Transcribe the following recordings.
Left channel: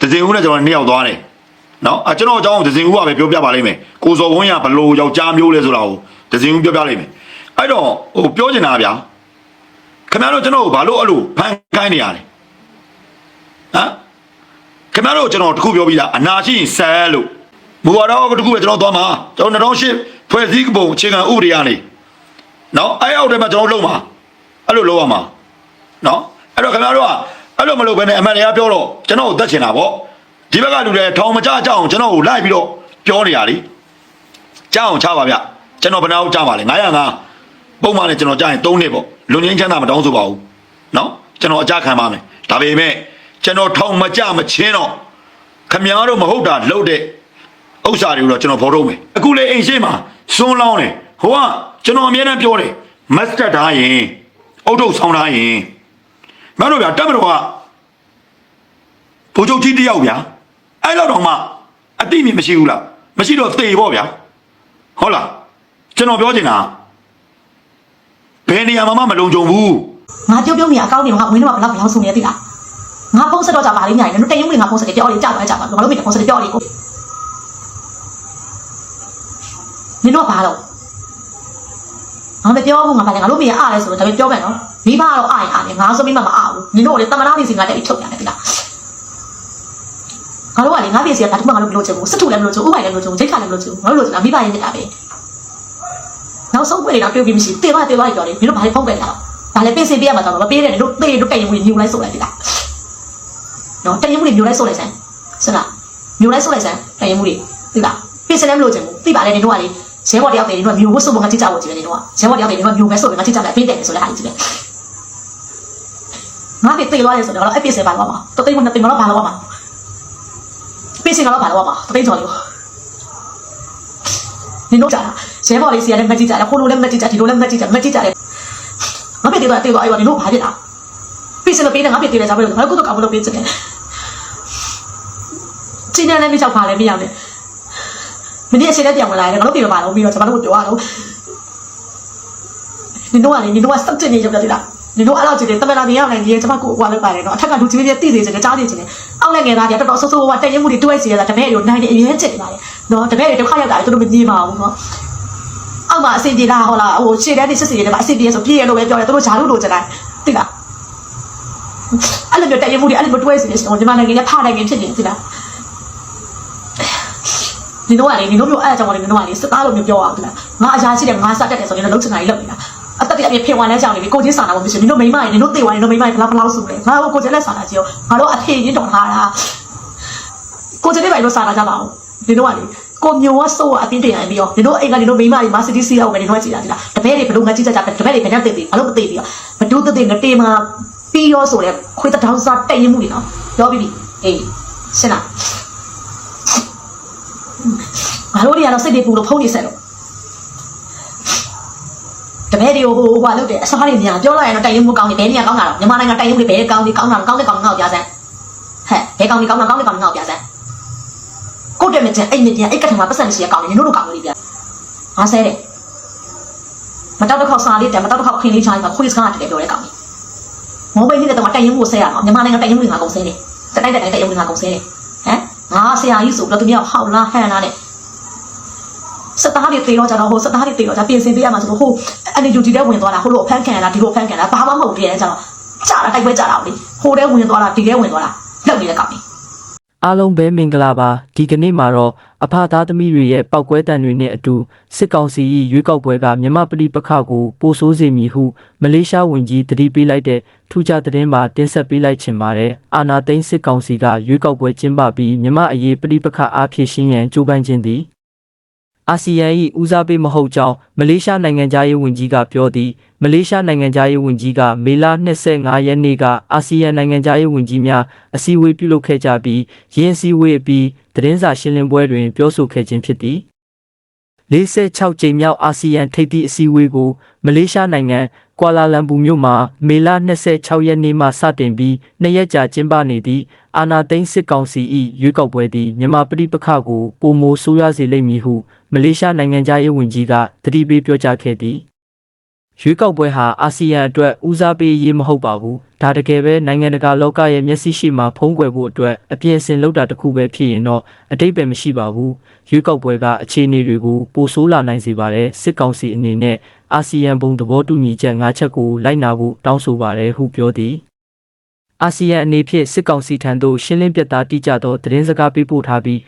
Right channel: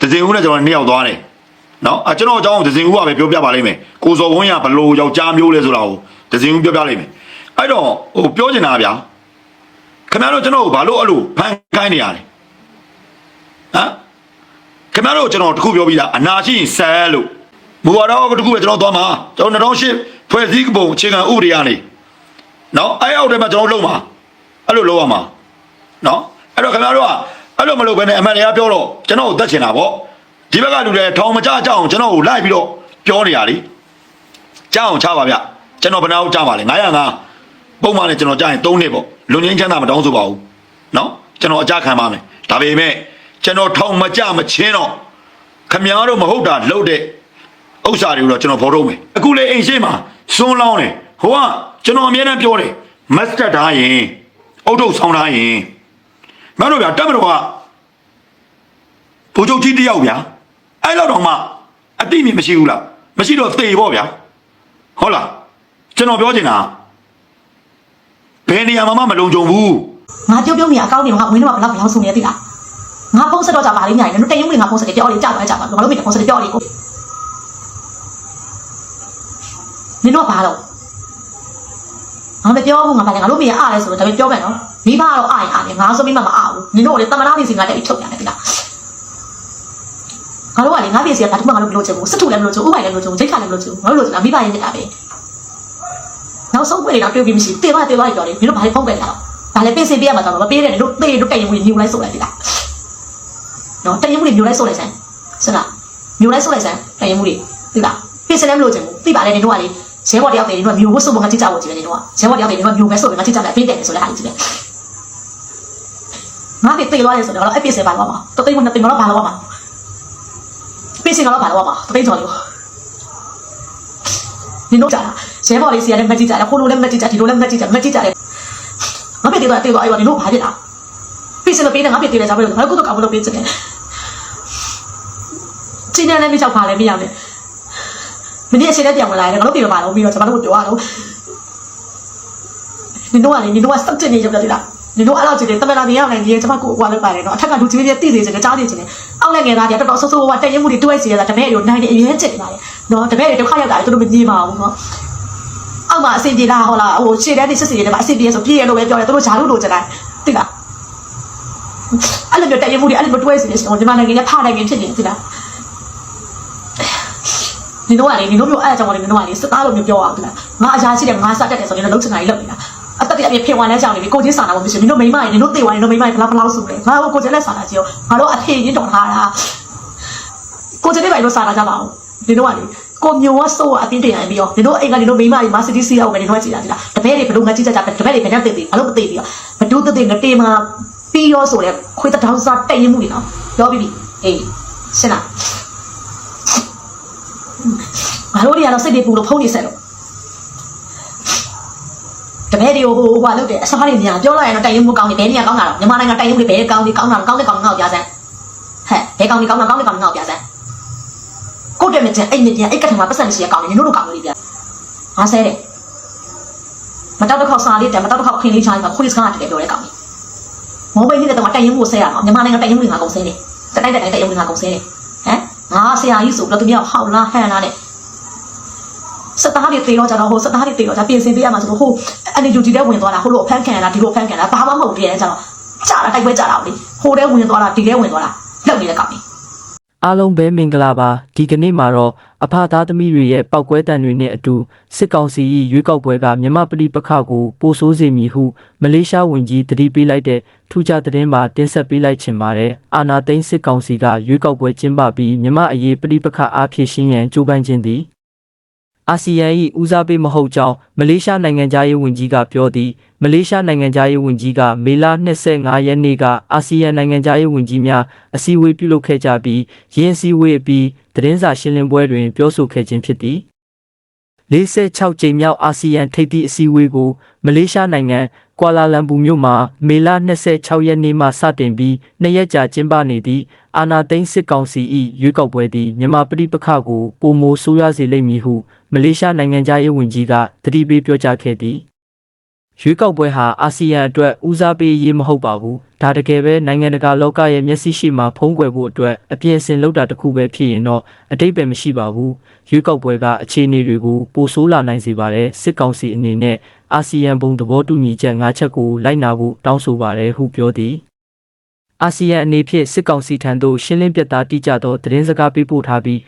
ဒဇင်ဦးနဲ့ကျွန်တော်နှစ်ယောက်သွားတယ်နော်အဲကျွန်တော်အကြောင်းဒဇင်ဦးကပဲပြောပြပါလိမ့်မယ်ကိုစော်ဝင်းကဘလို့ယောက်ျားမျိုးလဲဆိုတာကိုဒဇင်ဦးပြောပြလိမ့်မယ်အဲ့တော့ပြောချင်တာဗျာခင်ဗျားတို့ကျွန်တော်ဘာလို့အဲ့လိုဖန်ခိုင်းနေရလဲဟမ်ခင်ဗျားတို့ကျွန်တော်တခုပြောပြီးသားအနာရှိရင်ဆဲလို့ဘူဝါတော့တခုပဲကျွန်တော်သွားမှာကျွန်တော်2008ဖွဲ့စည်းပုံအခြေခံဥပဒေကနေနော်အဲ့အောက်ထဲမှာကျွန်တော်လုံးမှာအဲ့လိုလုံးရမှာနော်အဲ့တော့ခင်ဗျားတို့က အဲ့လိုမလုပ်ဘဲနဲ့အမှန်တရားပြောတော့ကျွန်တော်ကိုတတ်ချင်တာပေါ့ဒီဘက်ကလူတွေထောင်မကြကြအောင်ကျွန်တော်ကိုလိုက်ပြီးတော့ပြောနေရလीကြောက်အောင်ချပါဗျကျွန်တော်ဘယ်နာကိုကြားပါလဲ905ပုံမှန်နဲ့ကျွန်တော်ကြားရင်3နှစ်ပေါ့လူငင်းချမ်းသာမတောင်းဆိုပါဘူးနော်ကျွန်တော်အကြခံပါမယ်ဒါပေမဲ့ကျွန်တော်ထောင်မကြမချင်းတော့ခမည်းတော်မဟုတ်တာလုပ်တဲ့ဥစ္စာတွေကိုတော့ကျွန်တော်ဖော်ထုတ်မယ်အခုလေအိမ်ရှိမှာစွန်းလောင်းတယ်ဟိုကကျွန်တော်အမြဲတမ်းပြောတယ်မတ်စတာထားရင်အုတ်ထုတ်ဆောင်းထားရင်မင်းတို့ဗျာတက်မတော်က ဘိုးချုပ်ကြီးတယောက်ဗျာအဲ့တော့တော့မှအတိမြင်မရှိဘူးလားမရှိတော့သေပေါ့ဗျာဟုတ်လားကျွန်တော်ပြောချင်တာဘယ်နေရာမှာမှမလုံခြုံဘူးငါပြောပြောမိအကောင်းနေငါဝင်းတော့ဘလောက်ဘလောက်ဆုံးနေသိလားငါဖုန်းဆက်တော့ကြပါလိမ့်ညာတယ်တို့တရင်ဝင်ငါဖုန်းဆက်တယ်ပြောလေကြောက်သွားကြပါငါတို့မိတဲ့ဖုန်းဆက်တယ်ပြောလေကိုနင်တော့ဘာတော့ငါမပြောဘူးငါပါလေငါတို့မိရအားလဲဆိုတော့ဒါပေပြောမယ်နော်မိဘတော့အားရင်အားတယ်ငါဆိုမိမမအားဘူးနင်တို့လည်းတမနာနေစီငါတက်ပြီးချုပ်ရတယ်သိလားငါတို့ကလည်းငါ့ ပြည်စီကတမနာလို့ချင်ဘူးစတူလည်းမလို့ချင်ဘူးဥပိုင်လည်းမလို့ချင်ဘူးဂျိတ်ချလည်းမလို့ချင်ဘူးငါတို့ကမိဘရင်တက်တာပဲနောက်ဆုံးပဲတော့ပြောပြီးမရှိတေမတေမပြောတယ်မင်းတို့ဘာလဲဖောက်ပဲလားဘာလဲပြင်ဆင်ပြရမှာတော့မပေးနဲ့တို့တေတို့တရင်ဝင်ညူလိုက်ဆိုလိုက်ပြီလားနော်တရင်ဝင်ညူလိုက်ဆိုလိုက်စမ်းစမ်းလားညူလိုက်ဆိုလိုက်စမ်းတရင်မှုတွေသိလားပြင်ဆင်လည်းမလို့ချင်ဘူးသိပါလေနေတို့ကလေရဲဘော်တယောက်တည်းနေတော့မျိုးဝတ်စုံကကြည့်ကြဖို့ကြည့်တယ်နေတော့ရဲဘော်တယောက်တည်းနေတော့မျိုးပဲဆိုပြီးငါကြည့်ကြတယ်ဖေးတယ်ဆိုတဲ့ဟာကြည့်တယ်ငါပြေးသွားတယ်ဆိုတော့အဲ့ပြေးစပါတော့မှာတသိန်းကနှစ်သိန်းတော့ဘာလို့မှာ ပြေးစတော့ဘာလို့မှာတသိန်းကျော်လို့နင်တို့ကြာရဲဘော်လေးစီကလည်းမကြည့်ကြတယ်ခိုးလို့လည်းမကြည့်ကြဒီလိုလည်းမကြည့်ကြမကြည့်ကြတယ်ငါပြေးသွားတေးသွားအဲ့တော့နင်တို့ဘာဖြစ်လားပြေးစလို့ပြေးတယ်ငါပြေးတယ်ကြပါလို့ငါကတော့ကောင်းမလို့ပြေးစတယ်ကျင်းတယ်လည်းမကြောက်ပါလေမရဘူးမင်းအချင်းနဲ့ပြန်ဝင်လာတယ်ငါတို့ပြေပါတော့ပြီးတော့ကျွန်တော်တို့ပြောရတော့နင်တို့ကလေနင်တို့ကစက်တင်နေကြတယ်လား နင်တို့အဲ့လိုကြည့်တယ်တမန်တော်မြင်ရနိုင်ဒီကျွန်မကိုဟိုလောက်ပါတယ်နော်အထက်ကလူကြီးကြီးတည်စေချင်တယ်ကြားနေချင်တယ်အောက်လက်ငယ်သားတွေတော်တော်ဆိုးဆိုးဝါတက်ရင်မှုတွေတွဲစီရတာတပည့်တွေနိုင်တယ်အရင်ချက်နေပါတယ်နော်တပည့်တွေဒုက္ခရောက်တာသူတို့မငြင်းပါဘူးနော်အောက်မှာအစီပြေလားဟောလားဟိုရှေ့တန်းနေစစ်စီတွေမှာအစီပြေဆိုပြေရလို့ပဲပြောတယ်သူတို့ဂျာလို့လို့ကြတယ်သိလားအဲ့လိုမျိုးတက်ရင်မှုတွေအဲ့လိုမျိုးတွဲစီနေရှင်ဒီမှာနိုင်ငံကဖားနိုင်ငံဖြစ်နေသိလားနင်တို့ကလေနင်တို့မျိုးအဲ့အကြောင်းကလေနင်တို့ကလေစသားလိုမျိုးပြောအောင်သိလားငါအရာရှိတယ်ငါစတက်တယ်ဆိုရင်လည်းလုံးချင်တာကြီးလုပ်နေတာ အတက်တည်းအပြည့်ဖေဝါနဲ့ကြောင်နေပြီကိုချင်းစာနာဖို့မရှိဘူးနင်တို့မိမရင်နင်တို့တေဝါရင်နင်တို့မိမရင်ဘလောက်ဘလောက်ဆိုလဲငါတို့ကိုချင်းလက်စာနာကြည့်ရောငါတို့အဖေရင်းတော်ထားတာကိုချင်းလေးပိုင်လို့စာနာကြပါဦးနင်တို့ကလေကိုမျိုးဝဆိုးအတင်းတင်ရပြီးရောနင်တို့အိမ်ကနင်တို့မိမကြီးမာစီတီစီရောက်ပဲနင်တို့ကကြည့်တာဒီလားတပည့်တွေဘလို့ငါကြည့်ကြကြတပည့်တွေဘယ်နဲ့သိသိဘာလို့မသိပြီးရောဘဒုတသိငတေမှာပြီးရောဆိုလဲခွေးတောင်စားတိတ်ရင်မှုတွေနော်ပြောပြီးပြီအေးစလားငါတို့တွေကတော့စိတ်တွေပူလို့ဖုံးနေဆက်လို့ တပည့်တွေကိုဟိုဟိုလုပ်တယ်အစားတွေညာပြောလိုက်ရင်တော့တိုင်ရင်မှုကောင်းတယ်ဘယ်နေရာကောင်းတာလဲမြန်မာနိုင်ငံတိုင်ရင်မှုတွေဘယ်ကောင်းဒီကောင်းတာကောင်းတဲ့ကောင်းငါ့ကိုပြစမ်းဟဲ့ဘယ်ကောင်းဒီကောင်းတာကောင်းတဲ့ကောင်းငါ့ကိုပြစမ်းကိုယ့်တဲ့မကျအိမ်မကျအိတ်ကထမှာပတ်စံရှိရကောင်းတယ်နင်တို့လိုကောင်းလို့ပြန်ငါဆဲတယ်မတောက်တစ်ခေါက်စားလေးတယ်မတောက်တစ်ခေါက်ခင်းလေးချားမှာခွေးစကားတကယ်ပြောတဲ့ကောင်းတယ်မောဘိုင်းနေတဲ့တော့တိုင်ရင်မှုဆဲရအောင်မြန်မာနိုင်ငံတိုင်ရင်မှုငါကုန်ဆဲတယ်တိုက်တိုက်တိုက်တိုင်ရင်မှုငါကုန်ဆဲတယ်ဟမ်ငါဆရာကြီးဆိုတော့တကယ်ဟောက်လားဟန်လားနဲ့ စက်သားတွေတေတော့ကြတော့ဟိုစက်သားတွေတေတော့ကြပြင်ဆင်ပေးရမှာဆိုတော့ဟိုအနေယူတီတဲ့ဝင်သွားတာဟိုလိုဖန်ခံရတာဒီလိုဖန်ခံရတာဘာမှမဟုတ်တည်းကြတော့ကြာတာတိုက်ပွဲကြာတာလေဟိုတဲ့ဝင်သွားတာဒီတဲ့ဝင်သွားတာလောက်နေတဲ့ကောင်ကြီးအားလုံးပဲမင်္ဂလာပါဒီကနေ့မှာတော့အဖသားသမီးတွေရဲ့ပောက်ကွဲတံတွေနဲ့အတူစစ်ကောင်စီ၏ရွေးကောက်ပွဲကမြမပဋိပက္ခကိုပိုဆိုးစေမည်ဟုမလေးရှားဝန်ကြီးတတိပေးလိုက်တဲ့ထူးခြားသတင်းမှာတင်ဆက်ပေးလိုက်ချင်ပါတယ်အာနာသိန်းစစ်ကောင်စီကရွေးကောက်ပွဲကျင်းပပြီးမြမအရေးပဋိပက္ခအားဖြည့်ရှင်းရန်ကြိုးပမ်းခြင်းသည် အာဆီယံ၏ဦးစားပေးမဟုတ်ကြောင်းမလေးရှားနိုင်ငံသားရေးဝန်ကြီးကပြောသည်မလေးရှားနိုင်ငံသားရေးဝန်ကြီးကမေလ25ရက်နေ့ကအာဆီယံနိုင်ငံသားရေးဝန်ကြီးများအစည်းအဝေးပြုလုပ်ခဲ့ကြပြီးရင်းအစည်းအဝေးအပြီးသတင်းစာရှင်းလင်းပွဲတွင်ပြောဆိုခဲ့ခြင်းဖြစ်သည်46ကြိမ်မြောက်အာဆီယံထိပ်သီးအစည်းအဝေးကိုမလေးရှားနိုင်ငံကွာလာလမ်ပူမြို့မှာမေလ26ရက်နေ့မှစတင်ပြီးနှစ်ရက်ကြာကျင်းပနေသည့်အာနာသိန်းစစ်ကောင်စီ၏ရွေးကောက်ပွဲသည်မြန်မာပြည်ပခါကိုပုံမိုဆိုးရစေလိမ့်မည်ဟု မလေးရှားနိုင်ငံသားရေးဝန်ကြီးကတတိပေးပြောကြားခဲ့သည်ရွေးကောက်ပွဲဟာအာဆီယံအတွက်ဦးစားပေးရေးမဟုတ်ပါဘူးဒါတကယ်ပဲနိုင်ငံတကာလောကရဲ့မျက်စိရှိမှဖုံးကွယ်ဖို့အတွက်အပြည့်အစင်လောက်တာတစ်ခုပဲဖြစ်ရင်တော့အတိတ်ပဲမရှိပါဘူးရွေးကောက်ပွဲကအခြေအနေတွေကိုပိုဆိုးလာနိုင်စေပါတယ်စစ်ကောင်စီအနေနဲ့အာဆီယံဘုံသဘောတူညီချက်၅ချက်ကိုလိုက်နာဖို့တောင်းဆိုပါတယ်ဟုပြောသည် အာဆီယံအနေဖြင့်စစ်ကောင်စီထံသို့ရှင်းလင်းပြသတိကျသောသတင်းစကားပေးပို့ထားပြီး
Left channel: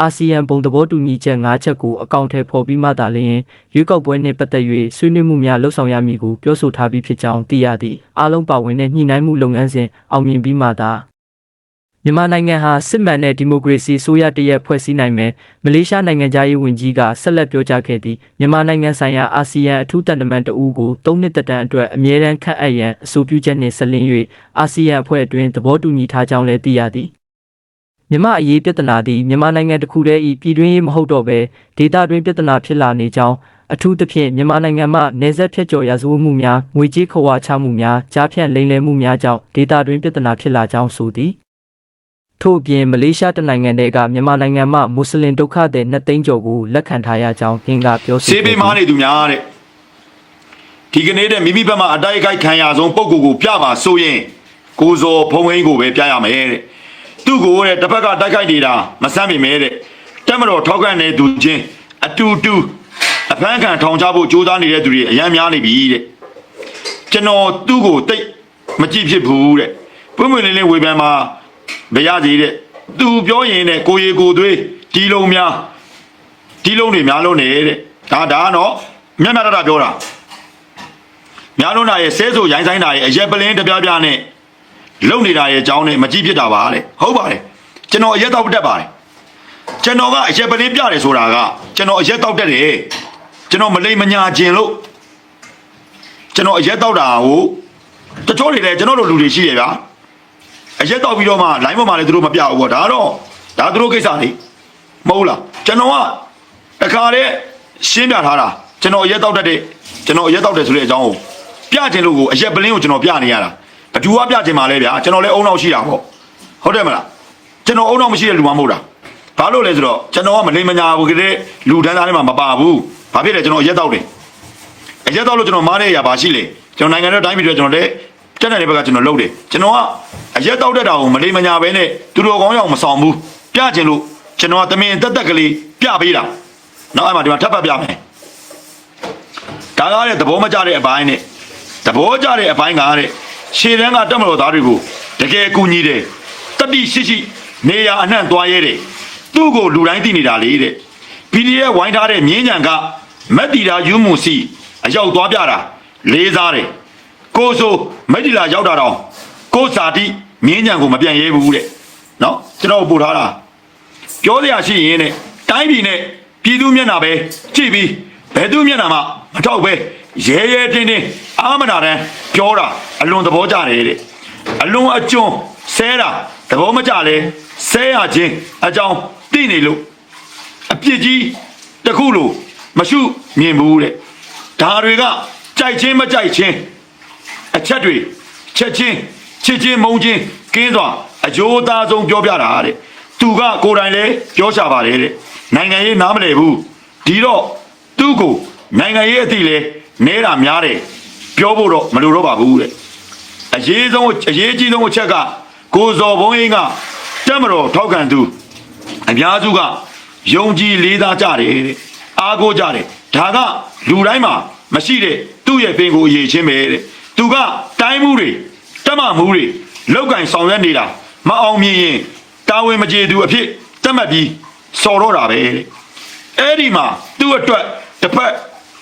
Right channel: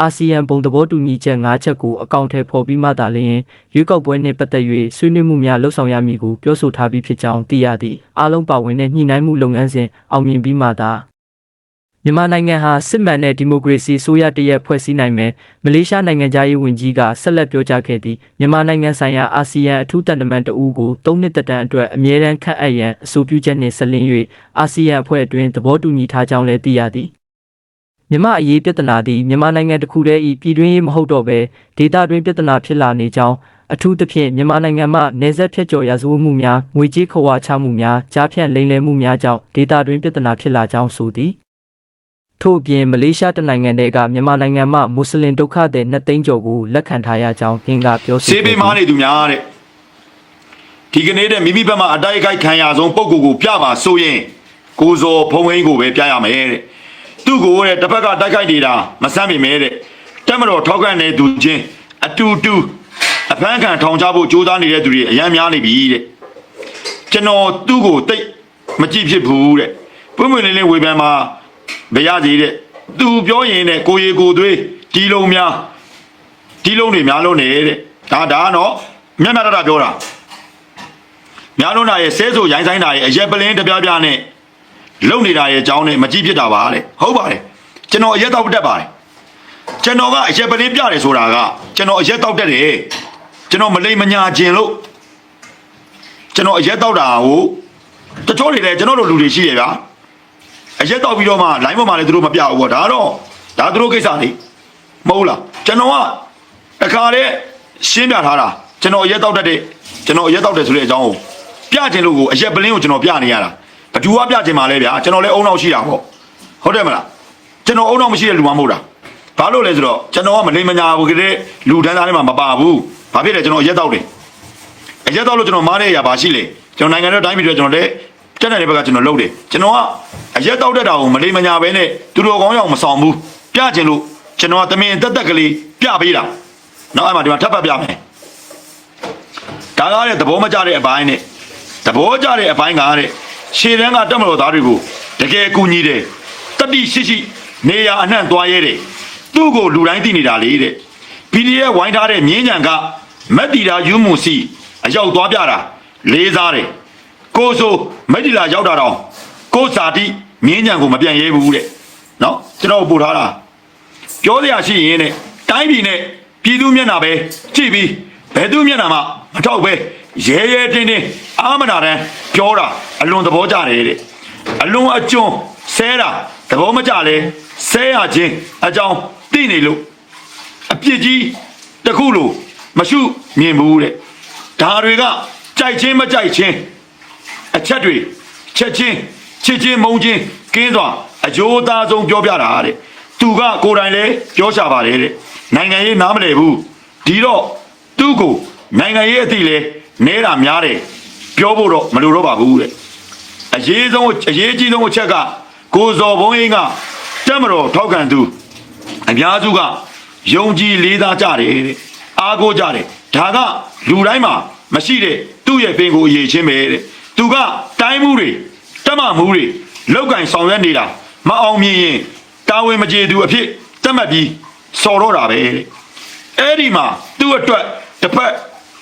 အာဆီယံဘုံသဘောတူညီချက်၅ချက်ကိုအကောင့်ထဲပေါ်ပြီးမှသာလျှင်ရွေးကောက်ပွဲနှင့်ပတ်သက်၍ဆွေးနွေးမှုများလှုပ်ဆောင်ရမည်ကိုပြောဆိုထားပြီးဖြစ်ကြောင်းသိရသည်အားလုံးပါဝင်တဲ့ညှိနှိုင်းမှုလုပ်ငန်းစဉ်အောင်မြင်ပြီးမှသာ မြန်မာနိုင်ငံဟာစစ်မှန်တဲ့ဒီမိုကရေစီဆိုရတရက်ဖွဲ့စည်းနိုင်မယ်မလေးရှားနိုင်ငံသားရေးဝန်ကြီးကဆက်လက်ပြောကြားခဲ့သည်မြန်မာနိုင်ငံဆိုင်ရာအာဆီယံအထူးတန်တမန်တအူးကို၃နှစ်တက်တန်းအတွက်အမြဲတမ်းခန့်အပ်ရန်အဆိုပြုချက်နှင့်ဆက်လင်း၍အာဆီယံအဖွဲ့အတွင်းသဘောတူညီထားကြောင်းလည်းသိရသည်မြန်မာအရေးပြဿနာသည်မြန်မာနိုင်ငံတစ်ခုတည်း၏ပြည်တွင်းရေးမဟုတ်တော့ဘဲဒေသတွင်းပြဿနာဖြစ်လာနေကြောင်းအထူးသဖြင့်မြန်မာနိုင်ငံမှနေဆက်ဖြတ်ကျော်ရာဇဝတ်မှုများငွေကြေးခဝါချမှုများကြားဖြန့်လိမ်လည်မှုများကြောင့်ဒေသတွင်းပြဿနာဖြစ်လာကြောင်းဆိုသည် ထို့အပြင်မလေးရှားတနိုင်ငံတည်းကမြန်မာနိုင်ငံမှမွတ်စလင်ဒုက္ခသည်နှစ်သိန်းကျော်ကိုလက်ခံထားရကြောင်းပြင်ကပြောဆိုစေးပေးမားနေသူများတဲ့ဒီကနေ့တဲ့မိမိဘက်မှာအတိုက်အခိုက်ခံရဆုံးပုံကိုယ်ကိုပြပါဆိုရင်ကိုဇော်ဖုံးဝင်းကိုပဲပြရမယ်တဲ့သူ့ကိုတဲ့တစ်ဖက်ကတိုက်ခိုက်နေတာမဆမ်းမိမဲတဲ့တက်မတော်ထောက်ခံတဲ့သူချင်းအတူတူအပန်းခံထောင်ချဖို့ကြိုးစားနေတဲ့သူတွေအများများနေပြီတဲ့ကျွန်တော်သူ့ကိုတိတ်မကြည့်ဖြစ်ဘူးတဲ့ပွင့်ပွင့်လင်းလင်းဝေဖန်မှာ မရသေးတဲ့သူပြောရင်တဲ့ကိုရီကိုသွေးဒီလုံးများဒီလုံးတွေများလုံးနေတဲ့ဒါဒါနော်မျက်နှာတတပြောတာများလုံးတာရဲ့ဆဲဆိုရိုင်းဆိုင်တာရဲ့အရက်ပလင်းတပြားပြားနဲ့လုံနေတာရဲ့အကြောင်းနဲ့မကြည့်ဖြစ်တာပါတဲ့ဟုတ်ပါတယ်ကျွန်တော်အရက်တော့တက်ပါတယ်ကျွန်တော်ကအရက်ပလင်းပြတယ်ဆိုတာကကျွန်တော်အရက်တော့တက်တယ်ကျွန်တော်မလိမ္မညာခြင်းလို့ကျွန်တော်အရက်တော့တာကိုတချို့တွေလည်းကျွန်တော်တို့လူတွေရှိတယ်ဗျာ အရက်တော့ပြီးတော့မှ line ပေါ်မှာလည်းသူတို့မပြဘူးပေါ့ဒါတော့ဒါသူတို့ကိစ္စလေမဟုတ်လားကျွန်တော်ကတခါလေရှင်းပြထားတာကျွန်တော်ရက်တောက်တတ်တဲ့ကျွန်တော်ရက်တောက်တယ်ဆိုတဲ့အကြောင်းကိုပြခြင်းလို့ကိုအရက်ပလင်းကိုကျွန်တော်ပြနေရတာအတူကပြခြင်းပါလေဗျာကျွန်တော်လည်းအုံနောက်ရှိတာပေါ့ဟုတ်တယ်မလားကျွန်တော်အုံနောက်မရှိတဲ့လူမှမဟုတ်တာဘာလို့လဲဆိုတော့ကျွန်တော်ကမလိမ္မညာဘူးကလေးလူတန်းသားထဲမှာမပါဘူးဘာဖြစ်လဲကျွန်တော်ရက်တောက်တယ်ရက်တောက်လို့ကျွန်တော်မားတဲ့အရာဘာရှိလဲကျွန်တော်နိုင်ငံတော်တိုင်းပြည်တွေကျွန်တော်လည်းတက်တဲ့ဘက်ကကျွန်တော်လုပ်တယ်ကျွန်တော်က အရက်တောက်တတ်တာကိုမလိမ္မညာပဲနဲ့သူတို့ကောင်းရောက်မဆောင်ဘူးပြခြင်းလို့ကျွန်တော်ကတမင်တက်တက်ကလေးပြပေးတာနောက်အဲ့မှာဒီမှာထပ်ပတ်ပြမယ်ဒါကားတဲ့သဘောမကျတဲ့အပိုင်းနဲ့သဘောကျတဲ့အပိုင်းကားတဲ့ခြေတန်းကတက်မတော်သားတွေကိုတကယ်ကူညီတယ်တတိရှိရှိနေရာအနှံ့သွားရဲတယ်သူ့ကိုလူတိုင်းသိနေတာလေတဲ့ဒီဒီရဲ့ဝိုင်းထားတဲ့မြင်းညံကမက်တီတာယူမှုစီအရောက်သွားပြတာလေးစားတယ်ကိုဆိုမက်တီလာရောက်တာတော့ကိုစာတိ မြင်းညံကိုမပြန်ရဲဘူးတဲ့နော်ကျွန်တော်ပို့ထားတာပြောစရာရှိရင်တဲ့တိုင်းပြည်နဲ့ပြည်သူမျက်နှာပဲကြည့်ပြီးဘယ်သူမျက်နှာမှမထောက်ပဲရဲရဲတင်းတင်းအာမနာတန်းပြောတာအလွန်သဘောကျတယ်တဲ့အလွန်အကျွန်းဆဲတာသဘောမကျလဲဆဲရခြင်းအကြောင်းသိနေလို့အပြစ်ကြီးတစ်ခုလို့မရှိမြင်ဘူးတဲ့ဒါတွေကကြိုက်ချင်းမကြိုက်ချင်းအချက်တွေချက်ချင်း ချစ်ချင်းမုန်းချင်းကင်းစွာအကျိုးသားဆုံးပြောပြတာတဲ့သူကကိုယ်တိုင်လည်းပြောချပါတယ်တဲ့နိုင်ငံရေးနားမလည်ဘူးဒီတော့သူ့ကိုနိုင်ငံရေးအတိလဲနေတာများတယ်ပြောဖို့တော့မလိုတော့ပါဘူးတဲ့အရေးဆုံးအရေးကြီးဆုံးအချက်ကကိုစော်ဘုန်းကြီးကတက်မတော်ထောက်ခံသူအများစုကယုံကြည်လေးစားကြတယ်တဲ့အားကိုးကြတယ်ဒါကလူတိုင်းမှာမရှိတဲ့သူ့ရဲ့ပင်ကိုအရေးချင်းပဲတဲ့သူကတိုင်းမှုတွေ တက်မမှုတွေလောက်ကင်ဆောင်ရွက်နေတာမအောင်မြင်ရင်တာဝန်မကျေသူအဖြစ်တက်မှတ်ပြီးစော်တော့တာပဲတဲ့အဲ့ဒီမှာသူ့အတွက်တစ်ဖက်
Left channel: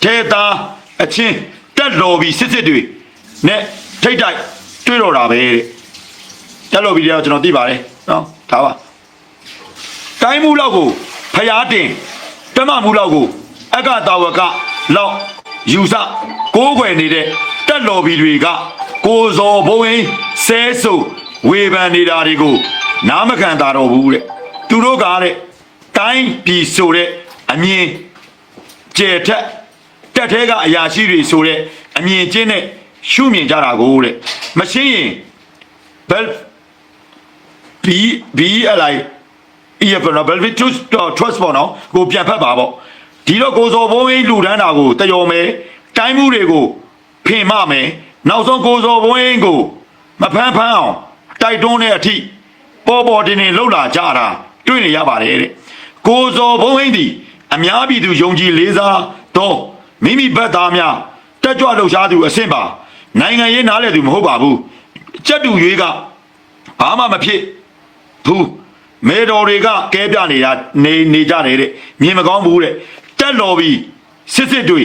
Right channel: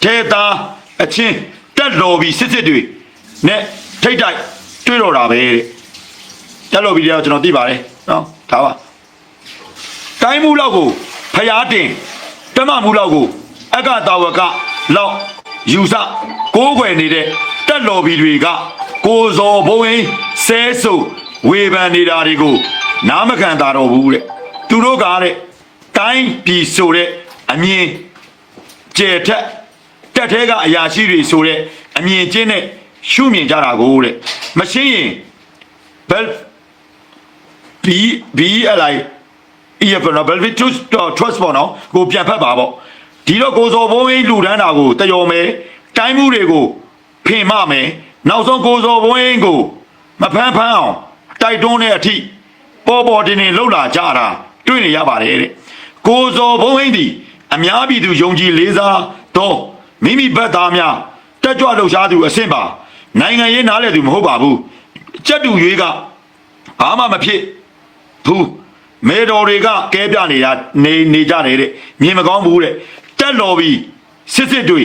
ဒေတာအချင်းတက်တော်ပြီးစစ်စစ်တွေနဲ့ထိတ်တိုက်တွေ့တော့တာပဲတဲ့တက်တော်ပြီးတော့ကျွန်တော်သိပါတယ်နော်ဒါပါတိုင်းမှုလောက်ကိုဖျားတင်တမမှုလောက်ကိုအကတာဝကလောက်ယူဆကိုးကွယ်နေတဲ့တက်တော်ဘီတွေက ကိုဇော်ဘုံရင်ဆဲဆုပ်ဝေဖန်နေတာတွေကိုနားမခံတာတော့ဘူးတဲ့သူတို့ကတဲ့တိုင်းပြည်ဆိုတဲ့အမြင်ကျဲထက်တက်သေးကအရာရှိတွေဆိုတဲ့အမြင်ချင်းနဲ့ရှုမြင်ကြတာကိုတဲ့မရှင်းရင်ဘယ် B B အလိုက်ဤရကနော်ဘယ်ဗီတူတော့ trust ပေါ့နော်ကိုပြန်ဖတ်ပါပေါ့ဒီတော့ကိုစော်ဘုံကြီးလူတန်းတာကိုတယော်မဲတိုင်းမှုတွေကိုဖင်မမယ် နောက်ဆုံးကိုစောဘုန်းကြီးကိုမဖမ်းဖမ်းအောင်တိုက်တွန်းတဲ့အထိပေါ်ပေါ်တင်တင်လှုပ်လာကြတာတွေ့နေရပါတယ်တဲ့ကိုစောဘုန်းကြီးဒီအများပြည်သူယုံကြည်လေးစားတော့မိမိဘက်သားများတက်ကြွလှုပ်ရှားသူအဆင့်ပါနိုင်ငံရေးနားလည်သူမဟုတ်ပါဘူးကြက်တူရွေးကဘာမှမဖြစ်ဘူးမေတော်တွေကကဲပြနေရနေနေကြနေတဲ့မြင်မကောင်းဘူးတဲ့တက်တော်ပြီစစ်စစ်တွေ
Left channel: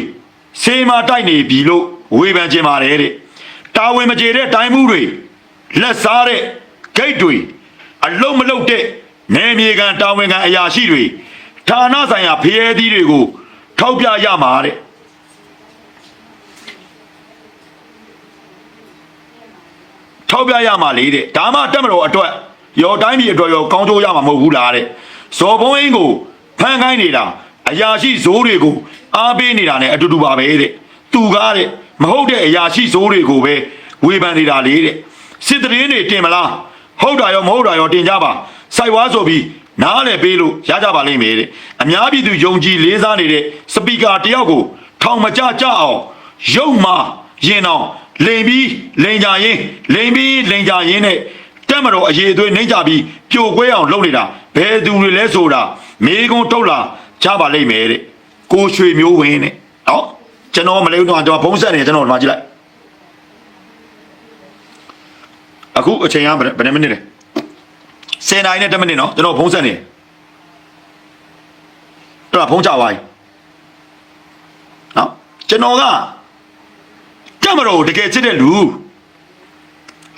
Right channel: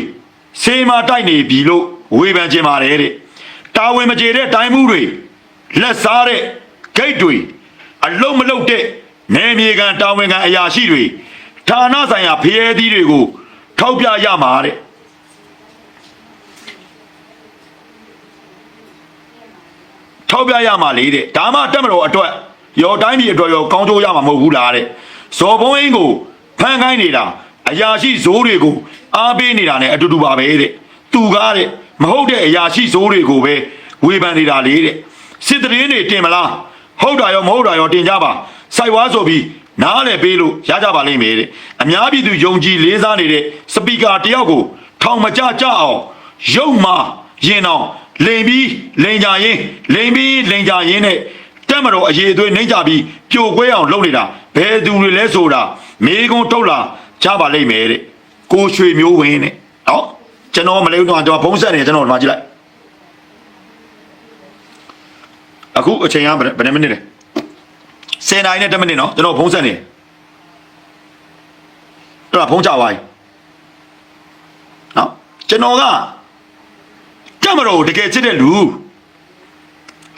စေမာတိုက်နေပြီလို့ဝေဖန်ခြင်းပါတယ်တဲ့ တာဝန်မကျေတဲ့တိုင်းမှုတွေလက်စားတဲ့ဂိတ်တွေအလုံးမလုံးတဲ့နေမြေကန်တာဝန်ကန်အရာရှိတွေဌာနဆိုင်ရာဖျဲသီးတွေကိုထုတ်ပြရမှာတဲ့ထောက်ပြရမှာလေတဲ့ဒါမှတက်မလို့အတွက်ရောတိုင်းပြည်အတွက်ရောကောင်းထိုးရမှာမဟုတ်ဘူးလားတဲ့ဇော်ဘုံအင်းကိုဖန်ခိုင်းနေတာအရာရှိဇိုးတွေကိုအားပေးနေတာလည်းအတူတူပါပဲတဲ့သူကားတဲ့ မဟုတ်တဲ့အရာရှိဇိုးတွေကိုပဲဝေဖန်နေတာလေတဲ့စစ်တရင်တွေတင်မလားဟုတ်တာရောမဟုတ်တာရောတင်ကြပါစိုက်ဝါဆိုပြီးနားလည်းပေးလို့ရကြပါလိမ့်မယ်တဲ့အများပြည်သူယုံကြည်လေးစားနေတဲ့စပီကာတယောက်ကိုထောင်မကြကြအောင်ရုပ်မာရင်အောင်လိန်ပြီးလိန်ကြရင်လိန်ပြီးလိန်ကြရင်နဲ့တက်မတော်အရေးအသွေးနှိမ့်ကြပြီးပြိုကွဲအောင်လုပ်နေတာဘယ်သူတွေလဲဆိုတာမေကွန်းထုတ်လာကြပါလိမ့်မယ်တဲ့ကိုရွှေမျိုးဝင်းနဲ့နော် ကျွန်တော်မလေးတော့ကျွန်တော်ဖုံးဆက်နေကျွန်တော်ဒီမှာကြည့်လိုက်အခုအချိန်ကဘယ်ဘယ်နှစ်မိနစ်လဲ10နာရီနဲ့10မိနစ်နော်ကျွန်တော်ဖုံးဆက်နေတယ်အဲ့ဒါဖုံးချသွားပြီနော်ကျွန်တော်ကကမတော်ကိုတကယ်ချစ်တဲ့လူ